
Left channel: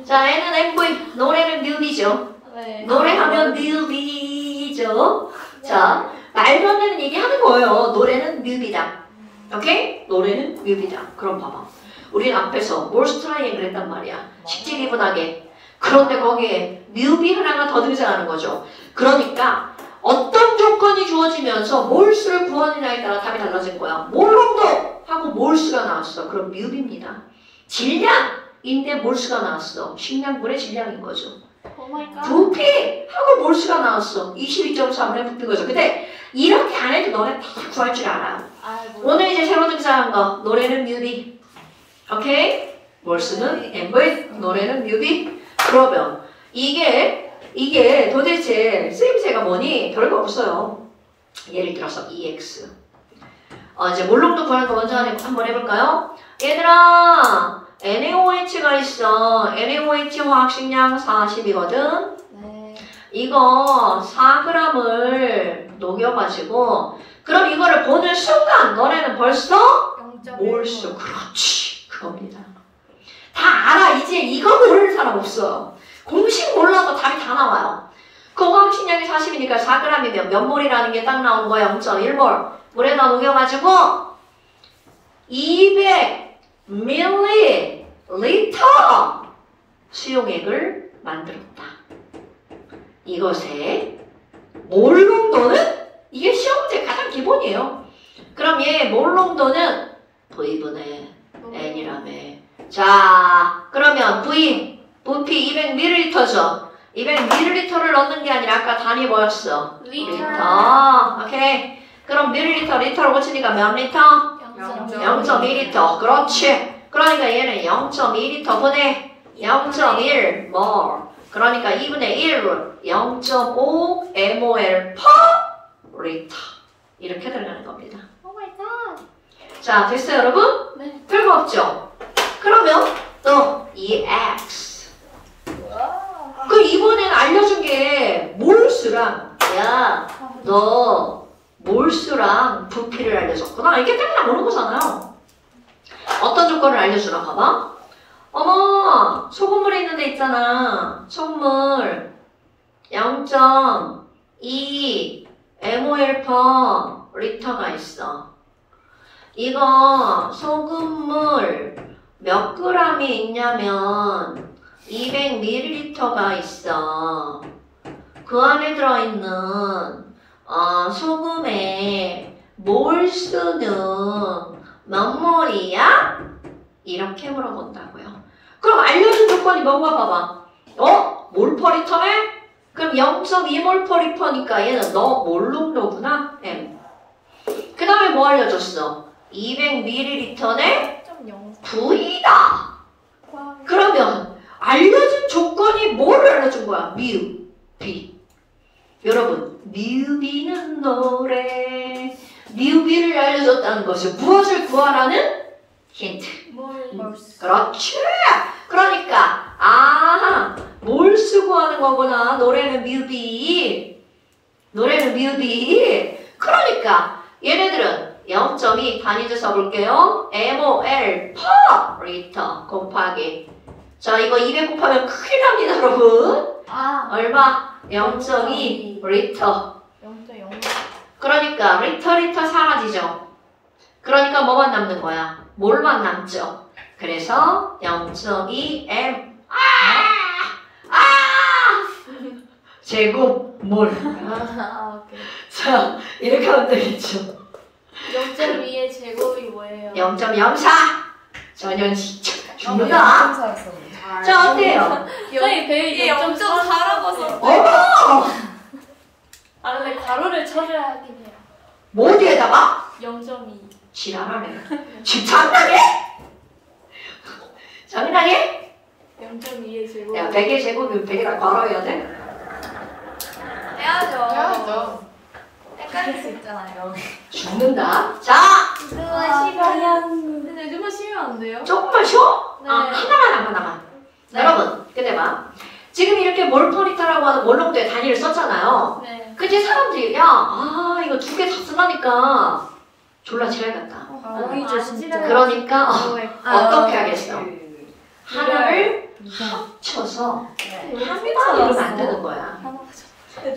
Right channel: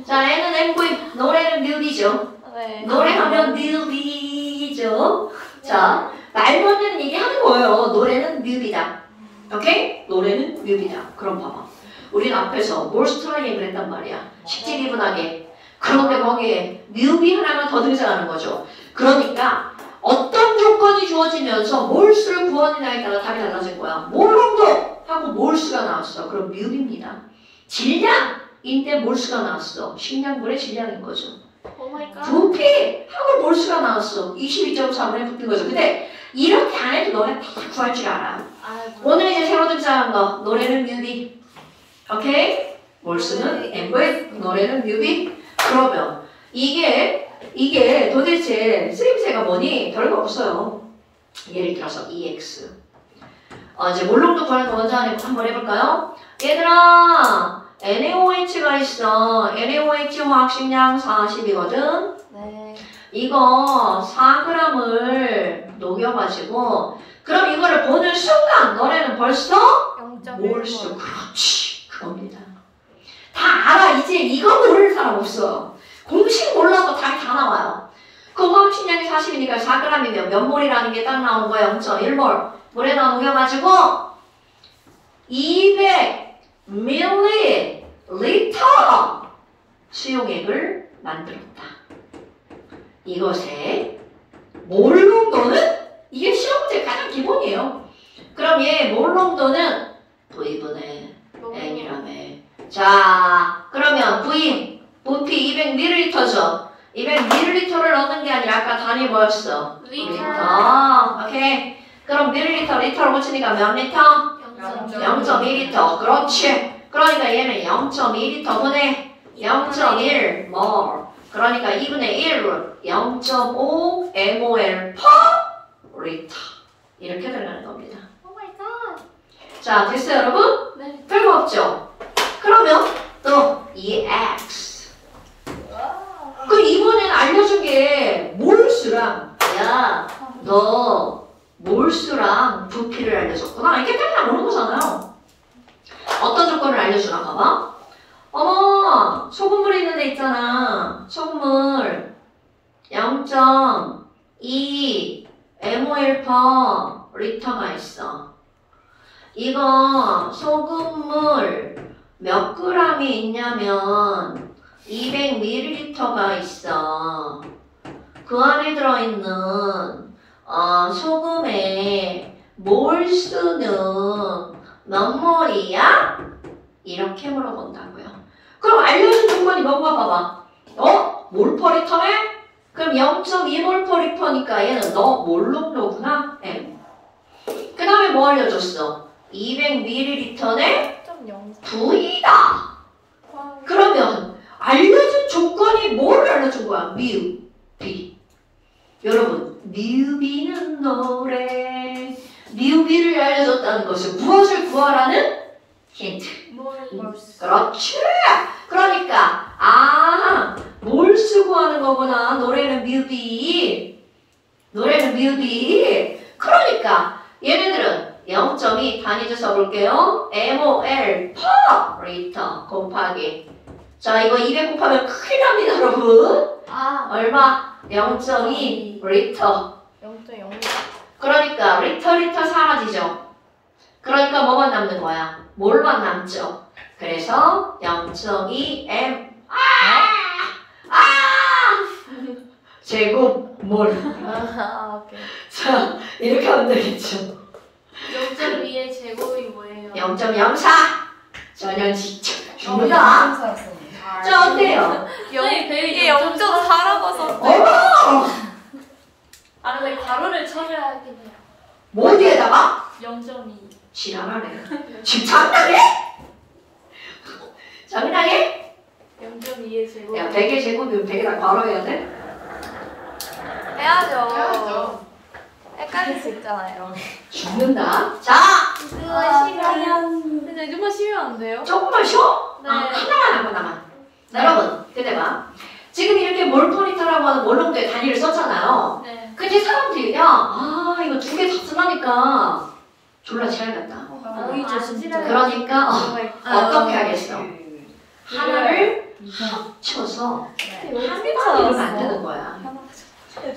자, N은 MV, 노래는 뮤비죠. 네. 노래하면 뮤비죠. 자, 말도 안 되는 얘기 하는 거예요. 노래는 뮤비다. 오케이? 노래는 뮤비다. 그럼 봐봐. 우리는 앞에서 몰스트라이앵글 했단 말이야. 식지기분하게. 그런데 거기에 뮤비 하나가 더 등장하는 거죠. 그러니까 어떤 조건이 주어지면서 몰수를 구하느냐에 따라 답이 달라진 거야. 몰농도 하고 몰수가 나왔어. 그럼 뮤비입니다. 질량인데 몰수가 나왔어. 식량분의 질량인 거죠. 오마이갓. 부피 하고 몰수가 나왔어. 22.3에 붙는 거죠. 근데 이렇게 안 해도 너네 다 구할 줄 알아. 오늘 이제 새로 등장한 거 노래는 뮤비. 오케이? 몰수는 MV, 노래는 뮤비. 그러면 이게 도대체 쓰임새가 뭐니? 별거 없어요. 예를 들어서 EX. 이제 몰농도 구하는 거 먼저 한번 해볼까요? 얘들아, NaOH가 있어. NaOH 화학식량 40이거든. 네. 이거 4g을 녹여가지고 그럼 이거를 보는 순간 너네는 벌써 몰수. 그렇지. 그겁니다. 다 알아. 이제 이거 모르는 사람 없어. 공식 몰라도 답이 다 나와요. 그 화학식량이 40이니까 4g이면 몇 몰이라는 게 딱 나오는 거야. 0.1몰. 물에다 녹여가지고 200ml 수용액을 만들었다. 이것의 몰 농도는 이게 시험 문제 가장 기본이에요. 그럼 얘 몰 농도는 V분의 N이라며. 자, 그러면 V, 부피 200ml죠. 200ml를 넣는 게 아니라 아까 단위 뭐였어? 리터. 오케이. 그럼 밀리터, 리터로 고치니까 몇 리터? 0.2리터. 그렇지. 그러니까 얘는 0.2리터분의 0.1몰. 그러니까 2분의 1로 0.5 mol per 리터. 이렇게 들어가는 겁니다. 자, 됐어요, 여러분? 네. 별거 없죠? 그러면 또 이 x. 그 이번엔 알려준 게 몰수랑, 야, 너 몰수랑 부피를 알려줬구나. 이게 딱 나오는 거잖아요. 어떤 조건을 알려주나 봐봐. 어머, 소금물 있는 데 있잖아. 소금물 0.2 mol per 리터가 있어. 이거 소금물 몇 g이 있냐면 200ml가 있어. 그 안에 들어있는 소금의 몰수는 몇 몰이야? 이렇게 물어본다고요. 그럼 알려준 조건이 뭔가 봐봐. 몰퍼리터네? 그럼 0.2몰퍼리터니까 얘는 너 몰농도구나? M. 그 다음에 뭐 알려줬어? 200ml네? V다. 그러면 알려준 조건이 뭘 알려준 거야? 뮤, B. 여러분, 뮤비는 노래. 뮤비를 알려줬다는 것은 무엇을 구하라는 힌트. 그렇지. 그러니까 몰수 구하는 거구나. 노래는 뮤비. 노래는 뮤비. 그러니까 얘네들은 0.2 단위를 써볼게요. mol per 리터 곱하기. 자, 이거 200 곱하면 큰일 납니다, 여러분. 얼마? 0.2 리터. 0.0. 그러니까 리터 사라지죠. 그러니까 뭐만 남는 거야? 몰만 남죠. 그래서 0.2 m 제곱 몰. 오케이. 자, 이렇게 하면 되겠죠. 0.2의 제곱이 뭐예요? 0.04. 전혀 진짜 죽는다. 자, 어때요? 이게 0.4라고서. 어머! 근데 가로를 쳐줘야 하긴 해요. 뭐 뒤에다가? 0.2. 지랄하네. 지금 장난해? 장난해? 0.2의 제곱. 야, 100의 제곱이면 100에다 걸어야 돼? 해야죠. 헷갈릴 수 있잖아요. 죽는다. 자, 근데 좀만 쉬면 안 돼요? 조금만 쉬어? 네. 하나만. 여러분, 근데 봐. 지금 이렇게 몰퍼리터라고 하는 몰농도의 단위를 썼잖아요. 네. 근데 사람들이 이거 두 개 다 쓰라니까 졸라 지랄 같다. 보이죠, 진짜. 그러니까 어떻게 하겠어? 하나를 합쳐서 한 단위로 만드는 거야.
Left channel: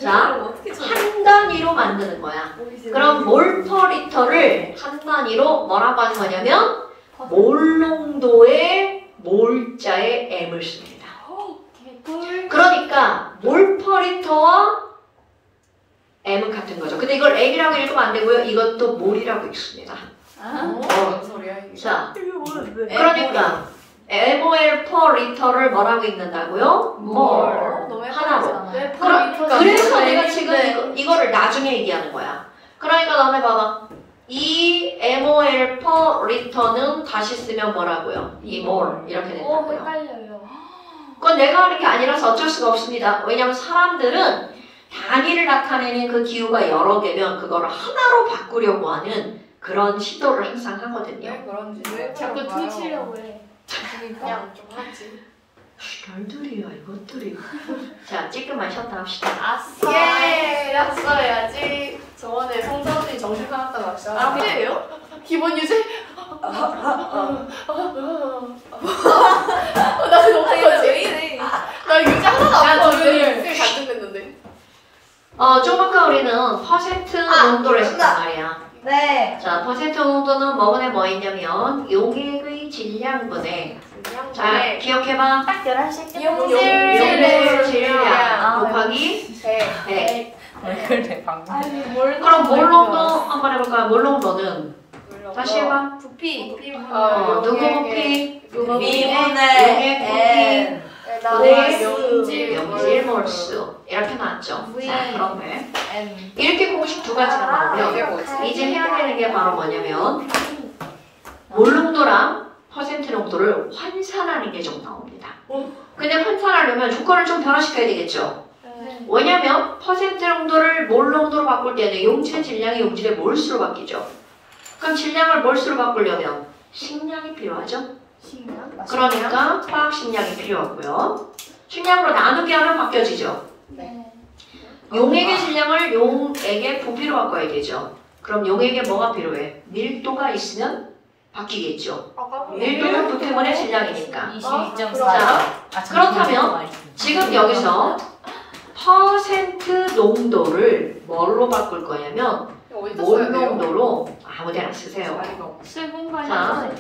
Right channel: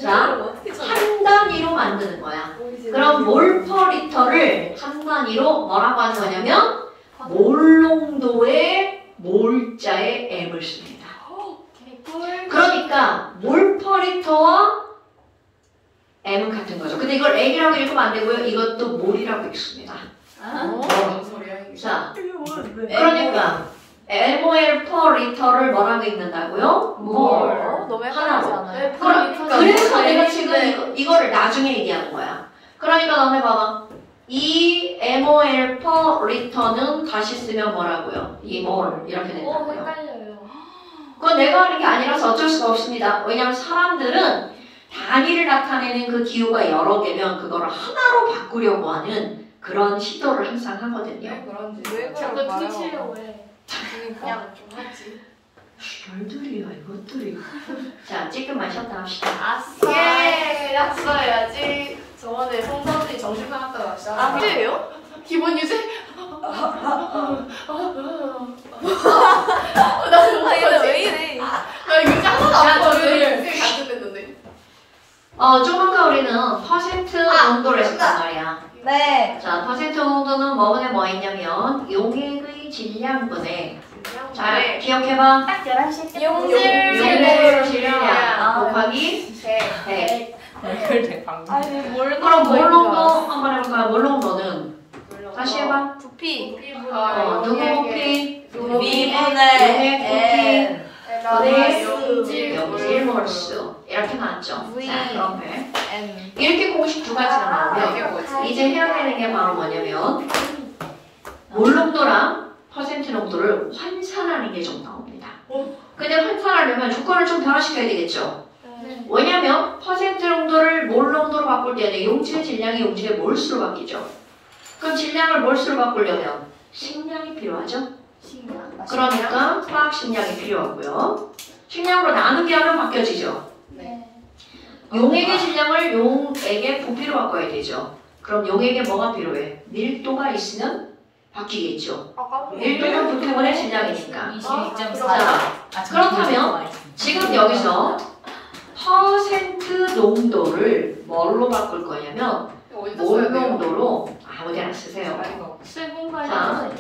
자, 한 단위로 만드는 거야. 그럼 몰퍼리터를 한 단위로 뭐라고 하는 거냐면 몰농도의 몰자의 m을 씁니다. 그러니까 몰퍼리터와 m은 같은 거죠. 근데 이걸 m이라고 읽으면 안 되고요. 이것도 몰이라고 읽습니다. 무슨 소리야 이게? 자, 그러니까 mol per 리터를 뭐라고 읽는다고요? 몰. 너무 헷갈리지 하나로. 않아요? 그래서 내가 지금 이거를 나중에 얘기하는 거야. 그러니까 너네 봐봐. 이 mol per 리터는 다시 쓰면 뭐라고요? 이 몰 이렇게 된다고요. 헷갈려요. 그건 내가 하는 게 아니라서 어쩔 수가 없습니다. 왜냐면 사람들은 단위를 나타내는 그 기호가 여러 개면 그거를 하나로 바꾸려고 하는 그런 시도를 항상 하거든요. 왜 그런지. 왜 자꾸 그럴까요? 퉁치려고 해. 그러니까. 그냥 좀 하지. 별들이야 이것들이. 자, 찌끔만 쉬었다 합시다. 예, 낙서해야지. 저번에 성선이 정신과학과 낙서. 아, 그래요? 기본 유지? 나 그거 아, 얘는 어떡하지? 왜 이래? 나 유지 하나도 안 자, 보는데 저기- 반전됐는데. 좀 아까 우리는 퍼센트 농도를 했었단 말이야. 네. 자, 퍼센트 농도는 뭐분에 뭐 있냐면 용액의 질량분에 자, 기억해봐. 딱 11시. 용액의 질량 아, 곱하기 네. 100. 아니, 뭘 그럼 그런 몰롱도 거야? 한번 해볼까요? 몰롱도는 다시 해봐. 부피. 누구 곱피? 미분의 용액 N. 곱피 용질몰수 이렇게 나왔죠. V. 자, 그러면 N. 이렇게 공식 두 가지가 이게 나오면 뭐지? 이제 해야 되는 게 바로 뭐냐면 몰농도랑 퍼센트 농도를 환산하는 게 좀 나옵니다. 근데 환산하려면 조건을 좀 변화시켜야 되겠죠. 네. 왜냐면 퍼센트 농도를 몰 농도로 바꿀 때는 용질 질량이 용질의 몰수로 바뀌죠. 그럼 질량을 몰수로 바꾸려면 식량이 필요하죠. 그러니까 화학 식량이 필요하고요. 식량으로 나누기 하면 바뀌어지죠. 네. 용액의 질량을 용액의 부피로 바꿔야 되죠. 그럼 용액에 뭐가 필요해? 밀도가 있으면 바뀌겠죠. 밀도는 부피분의 질량이니까. 22.4. 그렇다면 지금 여기서 퍼센트 농도를 뭘로 바꿀 거냐면 몰 농도로 아무데나 쓰세요. 자,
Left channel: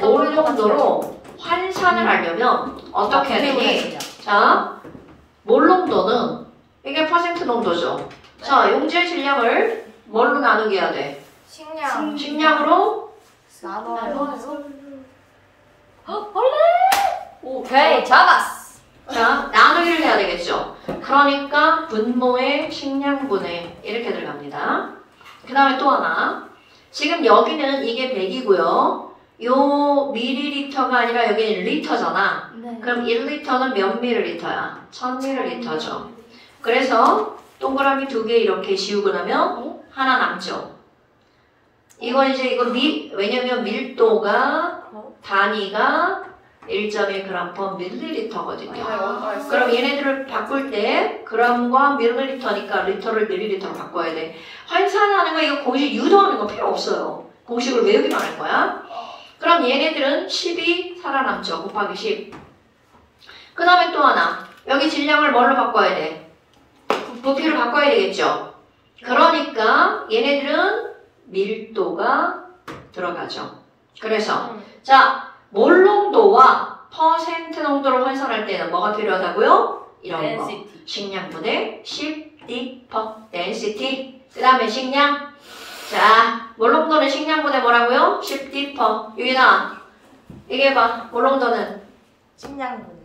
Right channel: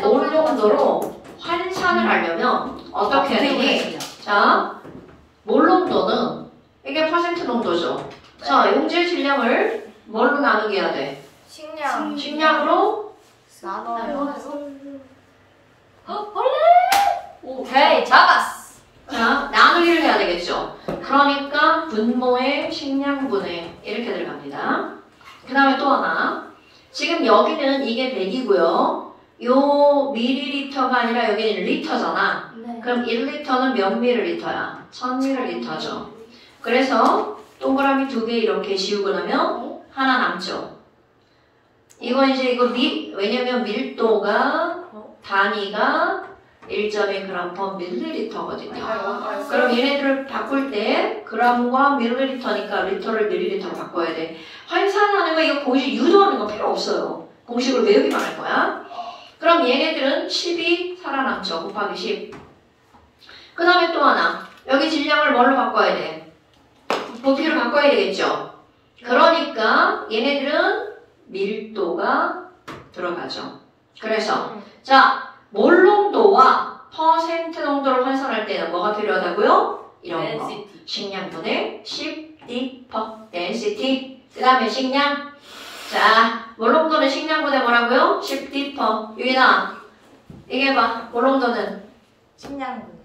몰 농도로 환산을 하려면 어떻게 해야 되니? 자, 몰 농도는 이게 퍼센트 농도죠. 자, 용질 질량을 뭘로 나누게 해야 돼? 식량. 식량으로 나눠요. 오케이, 잡았어. 자, 나누기를 해야 되겠죠. 그러니까 분모의 식량분의 이렇게 들어갑니다. 그 다음에 또 하나. 지금 여기는 이게 100이고요. 요 밀리리터가 아니라 여기는 리터잖아. 그럼 1리터는 몇 밀리리터야? 1000밀리리터죠. 그래서 동그라미 2개 이렇게 지우고 나면 하나 남죠. 이거 이제 왜냐면 밀도가 단위가 1.1g/ml거든요. 그럼 얘네들을 바꿀 때 g과 밀리리터니까 리터를 밀리리터로 바꿔야 돼. 환산하는 거 이거 공식 유도하는 거 필요 없어요. 공식을 외우기만 할 거야. 그럼 얘네들은 10이 살아남죠. 곱하기 10. 그 다음에 또 하나. 여기 질량을 뭘로 바꿔야 돼? 부피를 바꿔야 되겠죠. 그러니까 얘네들은 밀도가 들어가죠. 그래서 자, 몰 농도와 퍼센트 농도를 환산할 때는 뭐가 필요하다고요? 이런 거. 식량분의 10D per density. 그 다음에 식량. 자, 몰 농도는 식량분의 뭐라고요? 10D per. 유인아, 이게 봐. 몰 농도는 식량분의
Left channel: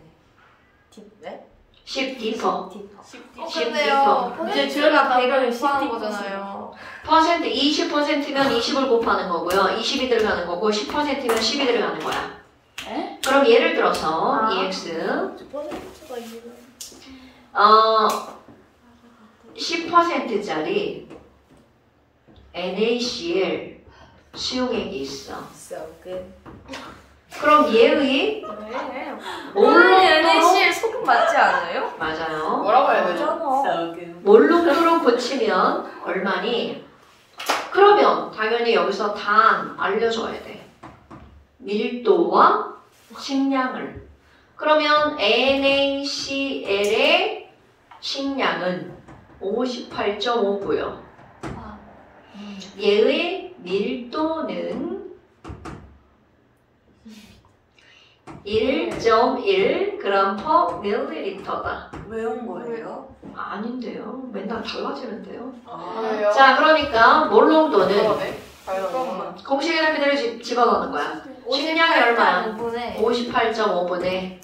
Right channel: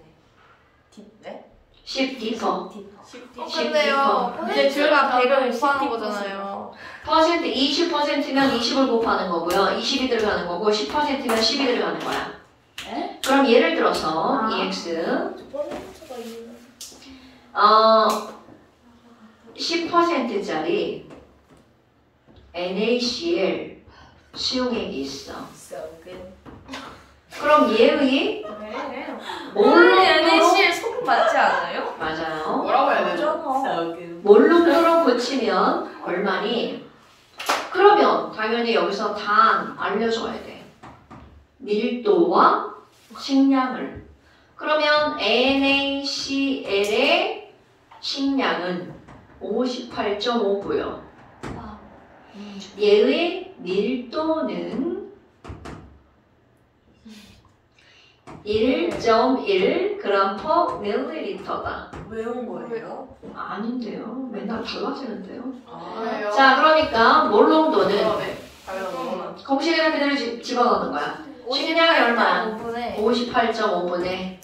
네? 10D per. 근데요. 퍼센트가 100을 곱하는 거잖아요. 퍼센트 20%면 20을 곱하는 거고요. 20이 들어가는 거고 10%면 10이 들어가는 거야. 그럼 예를 들어서 EX 10%짜리 NaCl 수용액이 있어. 그럼 얘의 NaCl 소금 맞지 않아요? 맞아요. 뭐라고 해야 되죠? 몰룸으로 고치면 얼마니? 그러면 당연히 여기서 단 알려줘야 돼. 밀도와 식량을. 그러면 NaCl의 식량은 58.5고요. 얘의 밀도는 1.1g/ml다. 외운 거예요? 아닌데요. 맨날 달라지는데요. 왜요? 자, 그러니까 몰농도는 네. 공식에다 그대로 집어넣는 거야. 식량이 얼마야? 58.5분에 58.5분의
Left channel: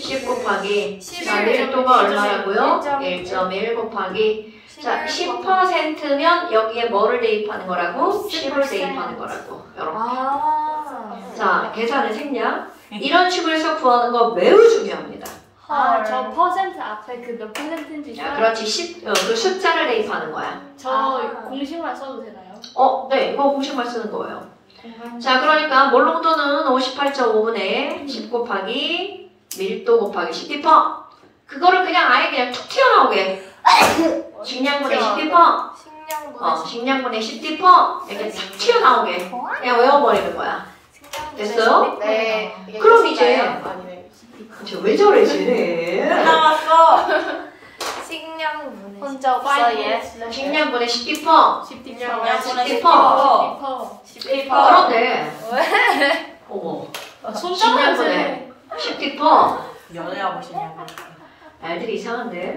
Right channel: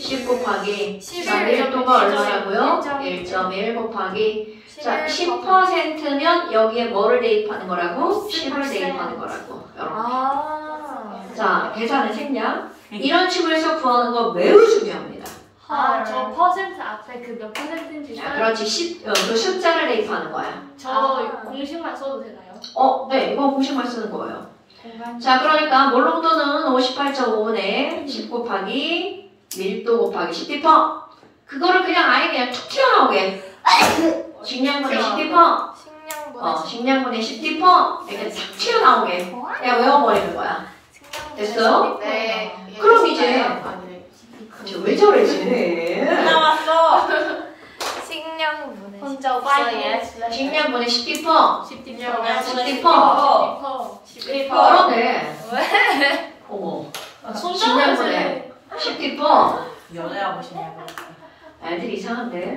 10 곱하기 11. 밀도가 얼마라고요? 1.1 곱하기 자, 10%면 여기에 뭐를 대입하는 거라고? 10을 대입하는 거라고. 여러분. 자, 계산의 생략. 이런 식으로 해서 구하는 거 매우 중요합니다. 저 퍼센트 앞에 그 몇 퍼센트인지 자, 그렇지. 그 숫자를 대입하는 거야. 저 공식만 써도 되나요? 네, 이거 공식만 쓰는 거예요. 공간. 자, 그러니까 몰농도는 58.5분의 10 곱하기 밀도 곱하기 10피퍼. 그거를 그냥 아예 그냥 툭 튀어나오게. 식량분의 10피퍼. 식량분의 10피퍼. 이렇게 탁 튀어나오게. 그냥 외워버리는 거야. 됐어요? 네. 그럼 이제 아니네. 왜 저래 쟤? 나왔어. 식량분해. 혼자 없어 얘. 식량분의 10피퍼. 10디퍼. 10피퍼. 그런데 어머. 식량분의 10피퍼. 연애하고 싶냐고. 애들이 이상한데?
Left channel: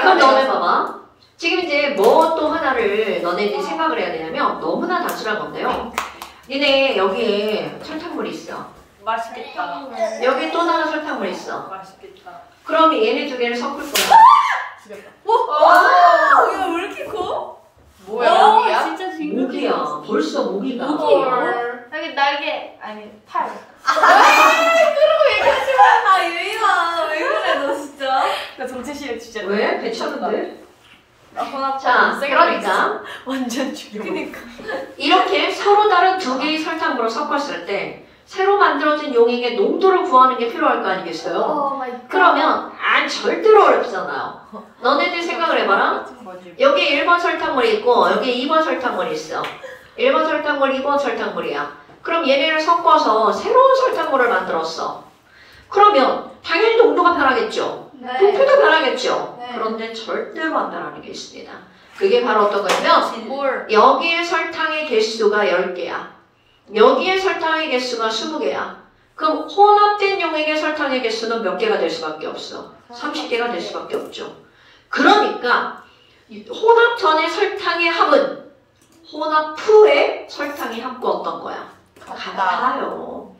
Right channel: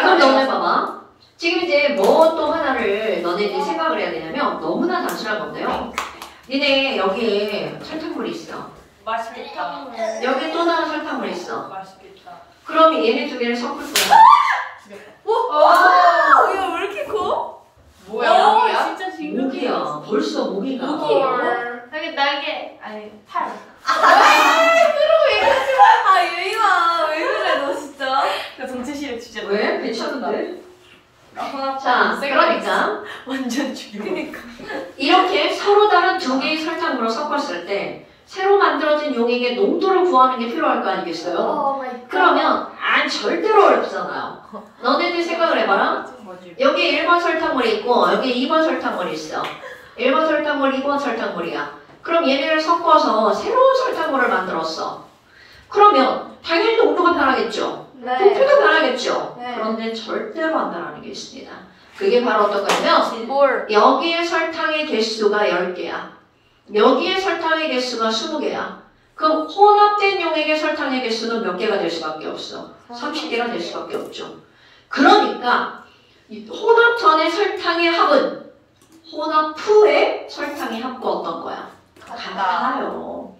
그럼 너네 봐봐. 지금 이제 뭐 또 하나를 너네들이 생각을 해야 되냐면 너무나 단순한 건데요. 니네 여기에 설탕물이 있어. 맛있겠다. 여기 또 다른 설탕물이 있어. 맛있겠다. 그럼 얘네 두 개를 섞을 거야. 이거 왜 이렇게 커? 뭐야? 뭐야? 진짜 모기야. 벌써 모기가. 여기 날개 아니 팔. 아 유이마 왜 그래 너 진짜? 나 전체 실력 진짜. 왜? 괜찮은데? 아, 자, 그러니까 완전 죽여. 그니까. 이렇게 서로 다른 두 개의 설탕물을 섞었을 때 새로 만들어진 용액의 농도를 구하는 게 필요할 거 아니겠어요? 그러면 절대로 어렵잖아요. 너네들 생각을 해봐라. 여기 1번 설탕물이 있고 여기 2번 설탕물이 있어. 1번 설탕물, 2번 설탕물이야. 그럼 얘네를 섞어서 새로운 설탕물을 만들었어. 그러면 당연히 농도가 변하겠죠. 부피가 변하겠죠. 그런데 절대로 안 변하는 게 있습니다. 그게 바로 어떤 거냐면 뭘? 여기에 설탕의 개수가 10개야. 여기에 설탕의 개수가 20개야. 그럼 혼합된 용액의 설탕의 개수는 몇 개가 될 수밖에 없어? 30개가 될 수밖에 없죠. 그러니까 혼합 전의 설탕의 합은 혼합 후의 설탕의 합과 어떤 거야? 같아요.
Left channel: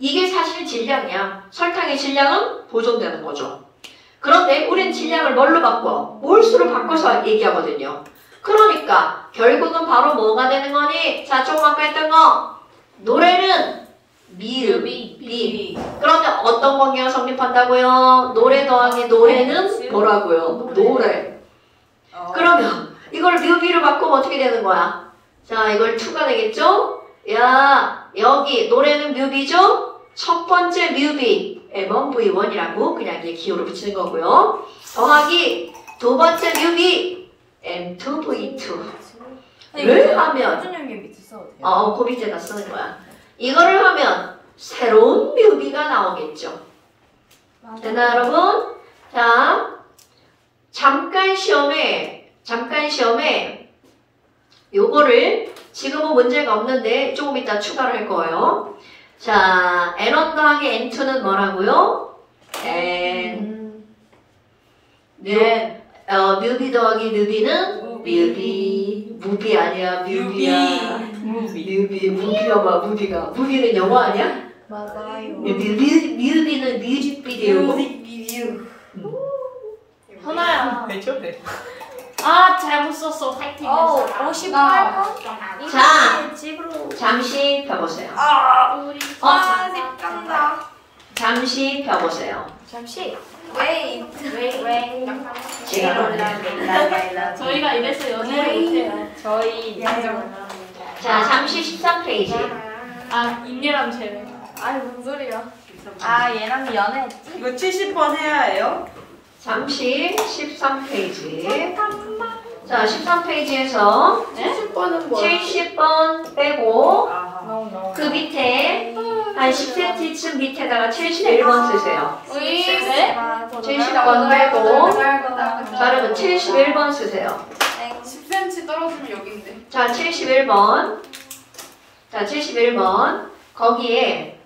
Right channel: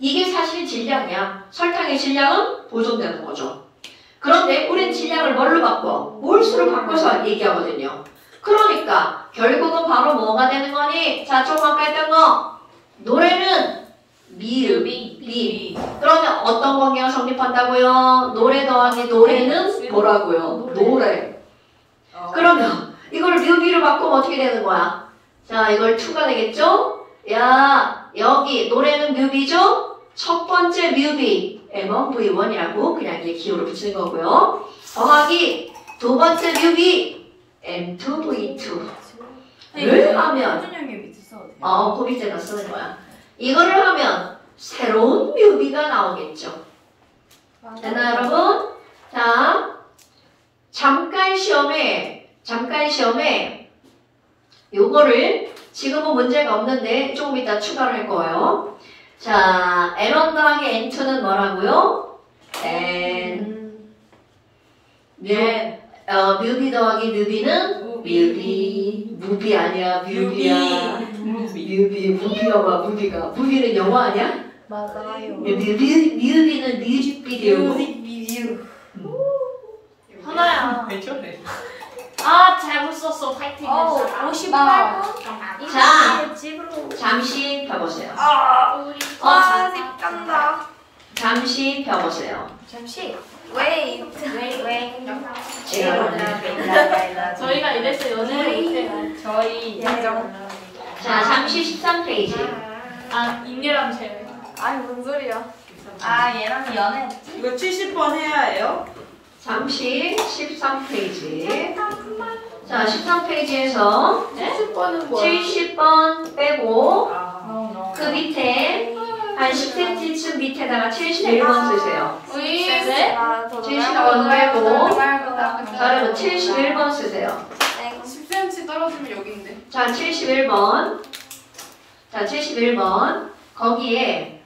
이게 사실 질량이야. 설탕의 질량은 보존되는 거죠. 그런데 우린 질량을 뭘로 바꿔? 몰수로 바꿔서 얘기하거든요. 그러니까 결국은 바로 뭐가 되는 거니? 자, 조금 뺐던 거. 노래는 미. 그러면 어떤 관계가 성립한다고요? 노래 더하기 노래는 뭐라고요? 노래. 그러면 이걸 뮤비로 바꾸면 어떻게 되는 거야? 자, 이걸 2가 되겠죠? 야, 여기 노래는 뮤비죠? 첫 번째 뮤비 M1V1이라고 그냥 이게 기호를 붙이는 거고요. 더하기 두 번째 뮤비 M2V2. 를 하면 표준형이 밑에 써도 돼요. 그 밑에다 쓰는 거야. 이거를 하면 새로운 뮤비가 나오겠죠. 됐나 여러분? 자, 잠깐 시험에 요거를 지금은 문제가 없는데 조금 이따 추가를 할 거예요. 자, N1 더하기 N2는 뭐라고요? 뮤비 더하기 뮤비는 무비 아니야, 뮤비야. 무비여봐, 무비가. 무비는 영화 아니야? 맞아요. 뮤비는 뮤직비디오. 하나야. 왜 저래? 아 잘못 썼어. 파이팅. 58번. 자, 집으로. 잠시 펴보세요. 우리 아직 간다. 잠시 펴보세요. 잠시. 웨이트. 저희가 이래서 연애를 못해요. 저희 자, 잠시 13페이지. 아 임리람 제일. 아이 뭔 소리야. 아 얘랑 연애했지? 이거 70번 해야 해요? 잠시 13페이지. 자, 13페이지에서 70번은 뭐야? 70번 빼고 너무 그 밑에 한 10cm쯤 밑에다가 71번 쓰세요. 우리 70번 빼고 자르면 71번 쓰세요. 10cm 떨어지면 여기인데. 자, 71번. 자, 71번. 거기에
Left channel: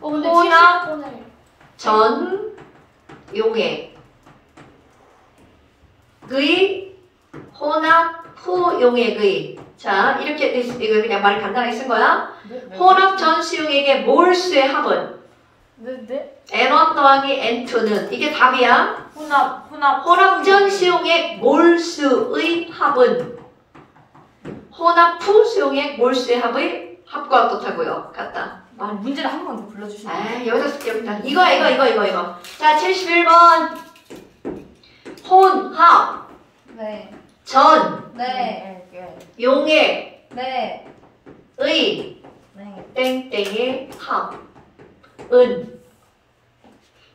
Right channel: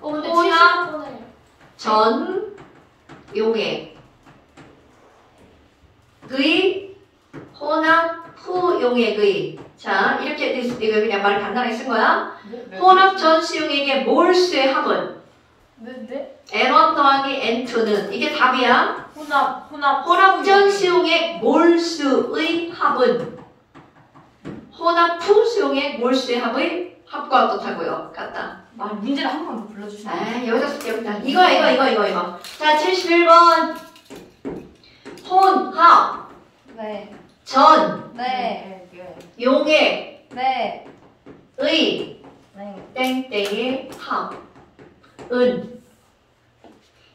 근데 혼합 70번에 전 용액 의 혼합 후 용액의 자, 이렇게 이거 그냥 말을 간단하게 쓴 거야. 혼합 전시 용액의 몰수의 합은 네? N1 더하기 N2는 이게 답이야. 혼합 전시 용액 몰수의 합은 혼합 후 수용액 몰수의 합의 합과 어떻다고요? 같다. 문제를 한 번 더 불러주세요. 아, 여기다 쓸게, 여기다. 이거. 자, 71번. 혼합, 네. 전, 네. 용액, 네. 의, 네. 땡땡의 합, 은.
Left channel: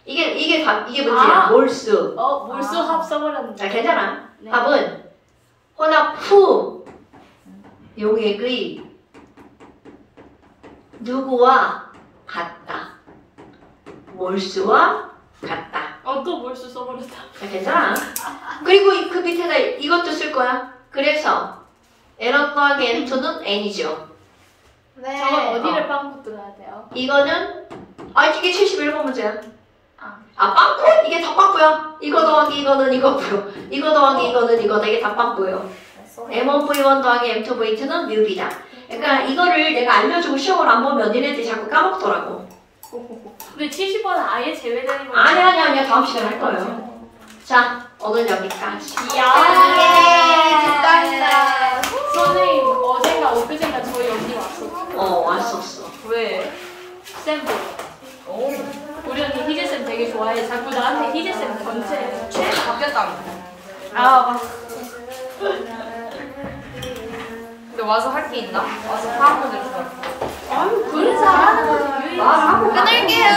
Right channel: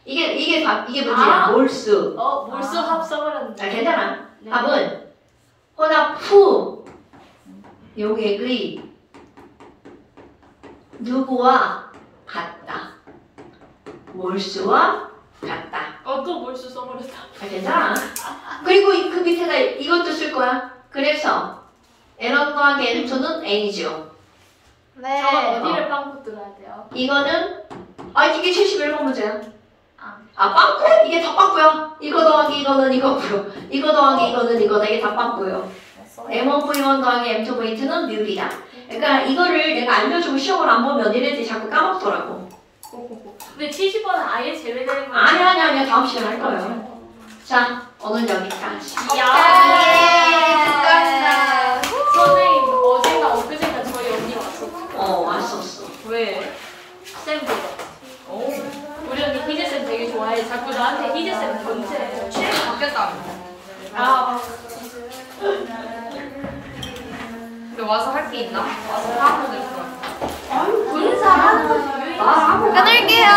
이게 문제야. 몰수. 몰수 합 써버렸는데. 자, 괜찮아. 네. 답은 혼합 후 요객의 누구와 같다. 몰수와 같다. 또 몰수 써버렸다. 자, 괜찮아. 그리고 그 밑에다 이것도 쓸 거야. 그래서 N1 더하기 N2는 N이죠. 저 어디를 빵꾸 뚫어야 돼요? 이거는 이게 71번 문제야. 빵꾸? 이게 다 빵꾸야. 이거 더하기 이거는 이거고요. 이거 더하기 이거는 이거다. 이게 다 빵꾸예요. M1V1 더하기 M2V2는 뮤비다. 그러니까 이거를 내가 알려주고 시험을 안 보면 니네들이 자꾸 까먹더라고. 근데 70번은 아예 제외되는 거예요? 아니야. 다음 시간에 할 거예요. 자, 오늘 여기까지. 축하합니다. 선생님 어젠가 엊그젠가 저희 언니 왔었죠. 왔었어. 왜? 쌤 보고. 우리 언니 희재쌤 되게 좋아해. 자꾸 나한테 희재쌤 견제해. 취향이 바뀌었다며. 맞아. 근데 와서 할 게 있나? 와서 하고 그랬어. 그래서 하는 거지. 끊을게요.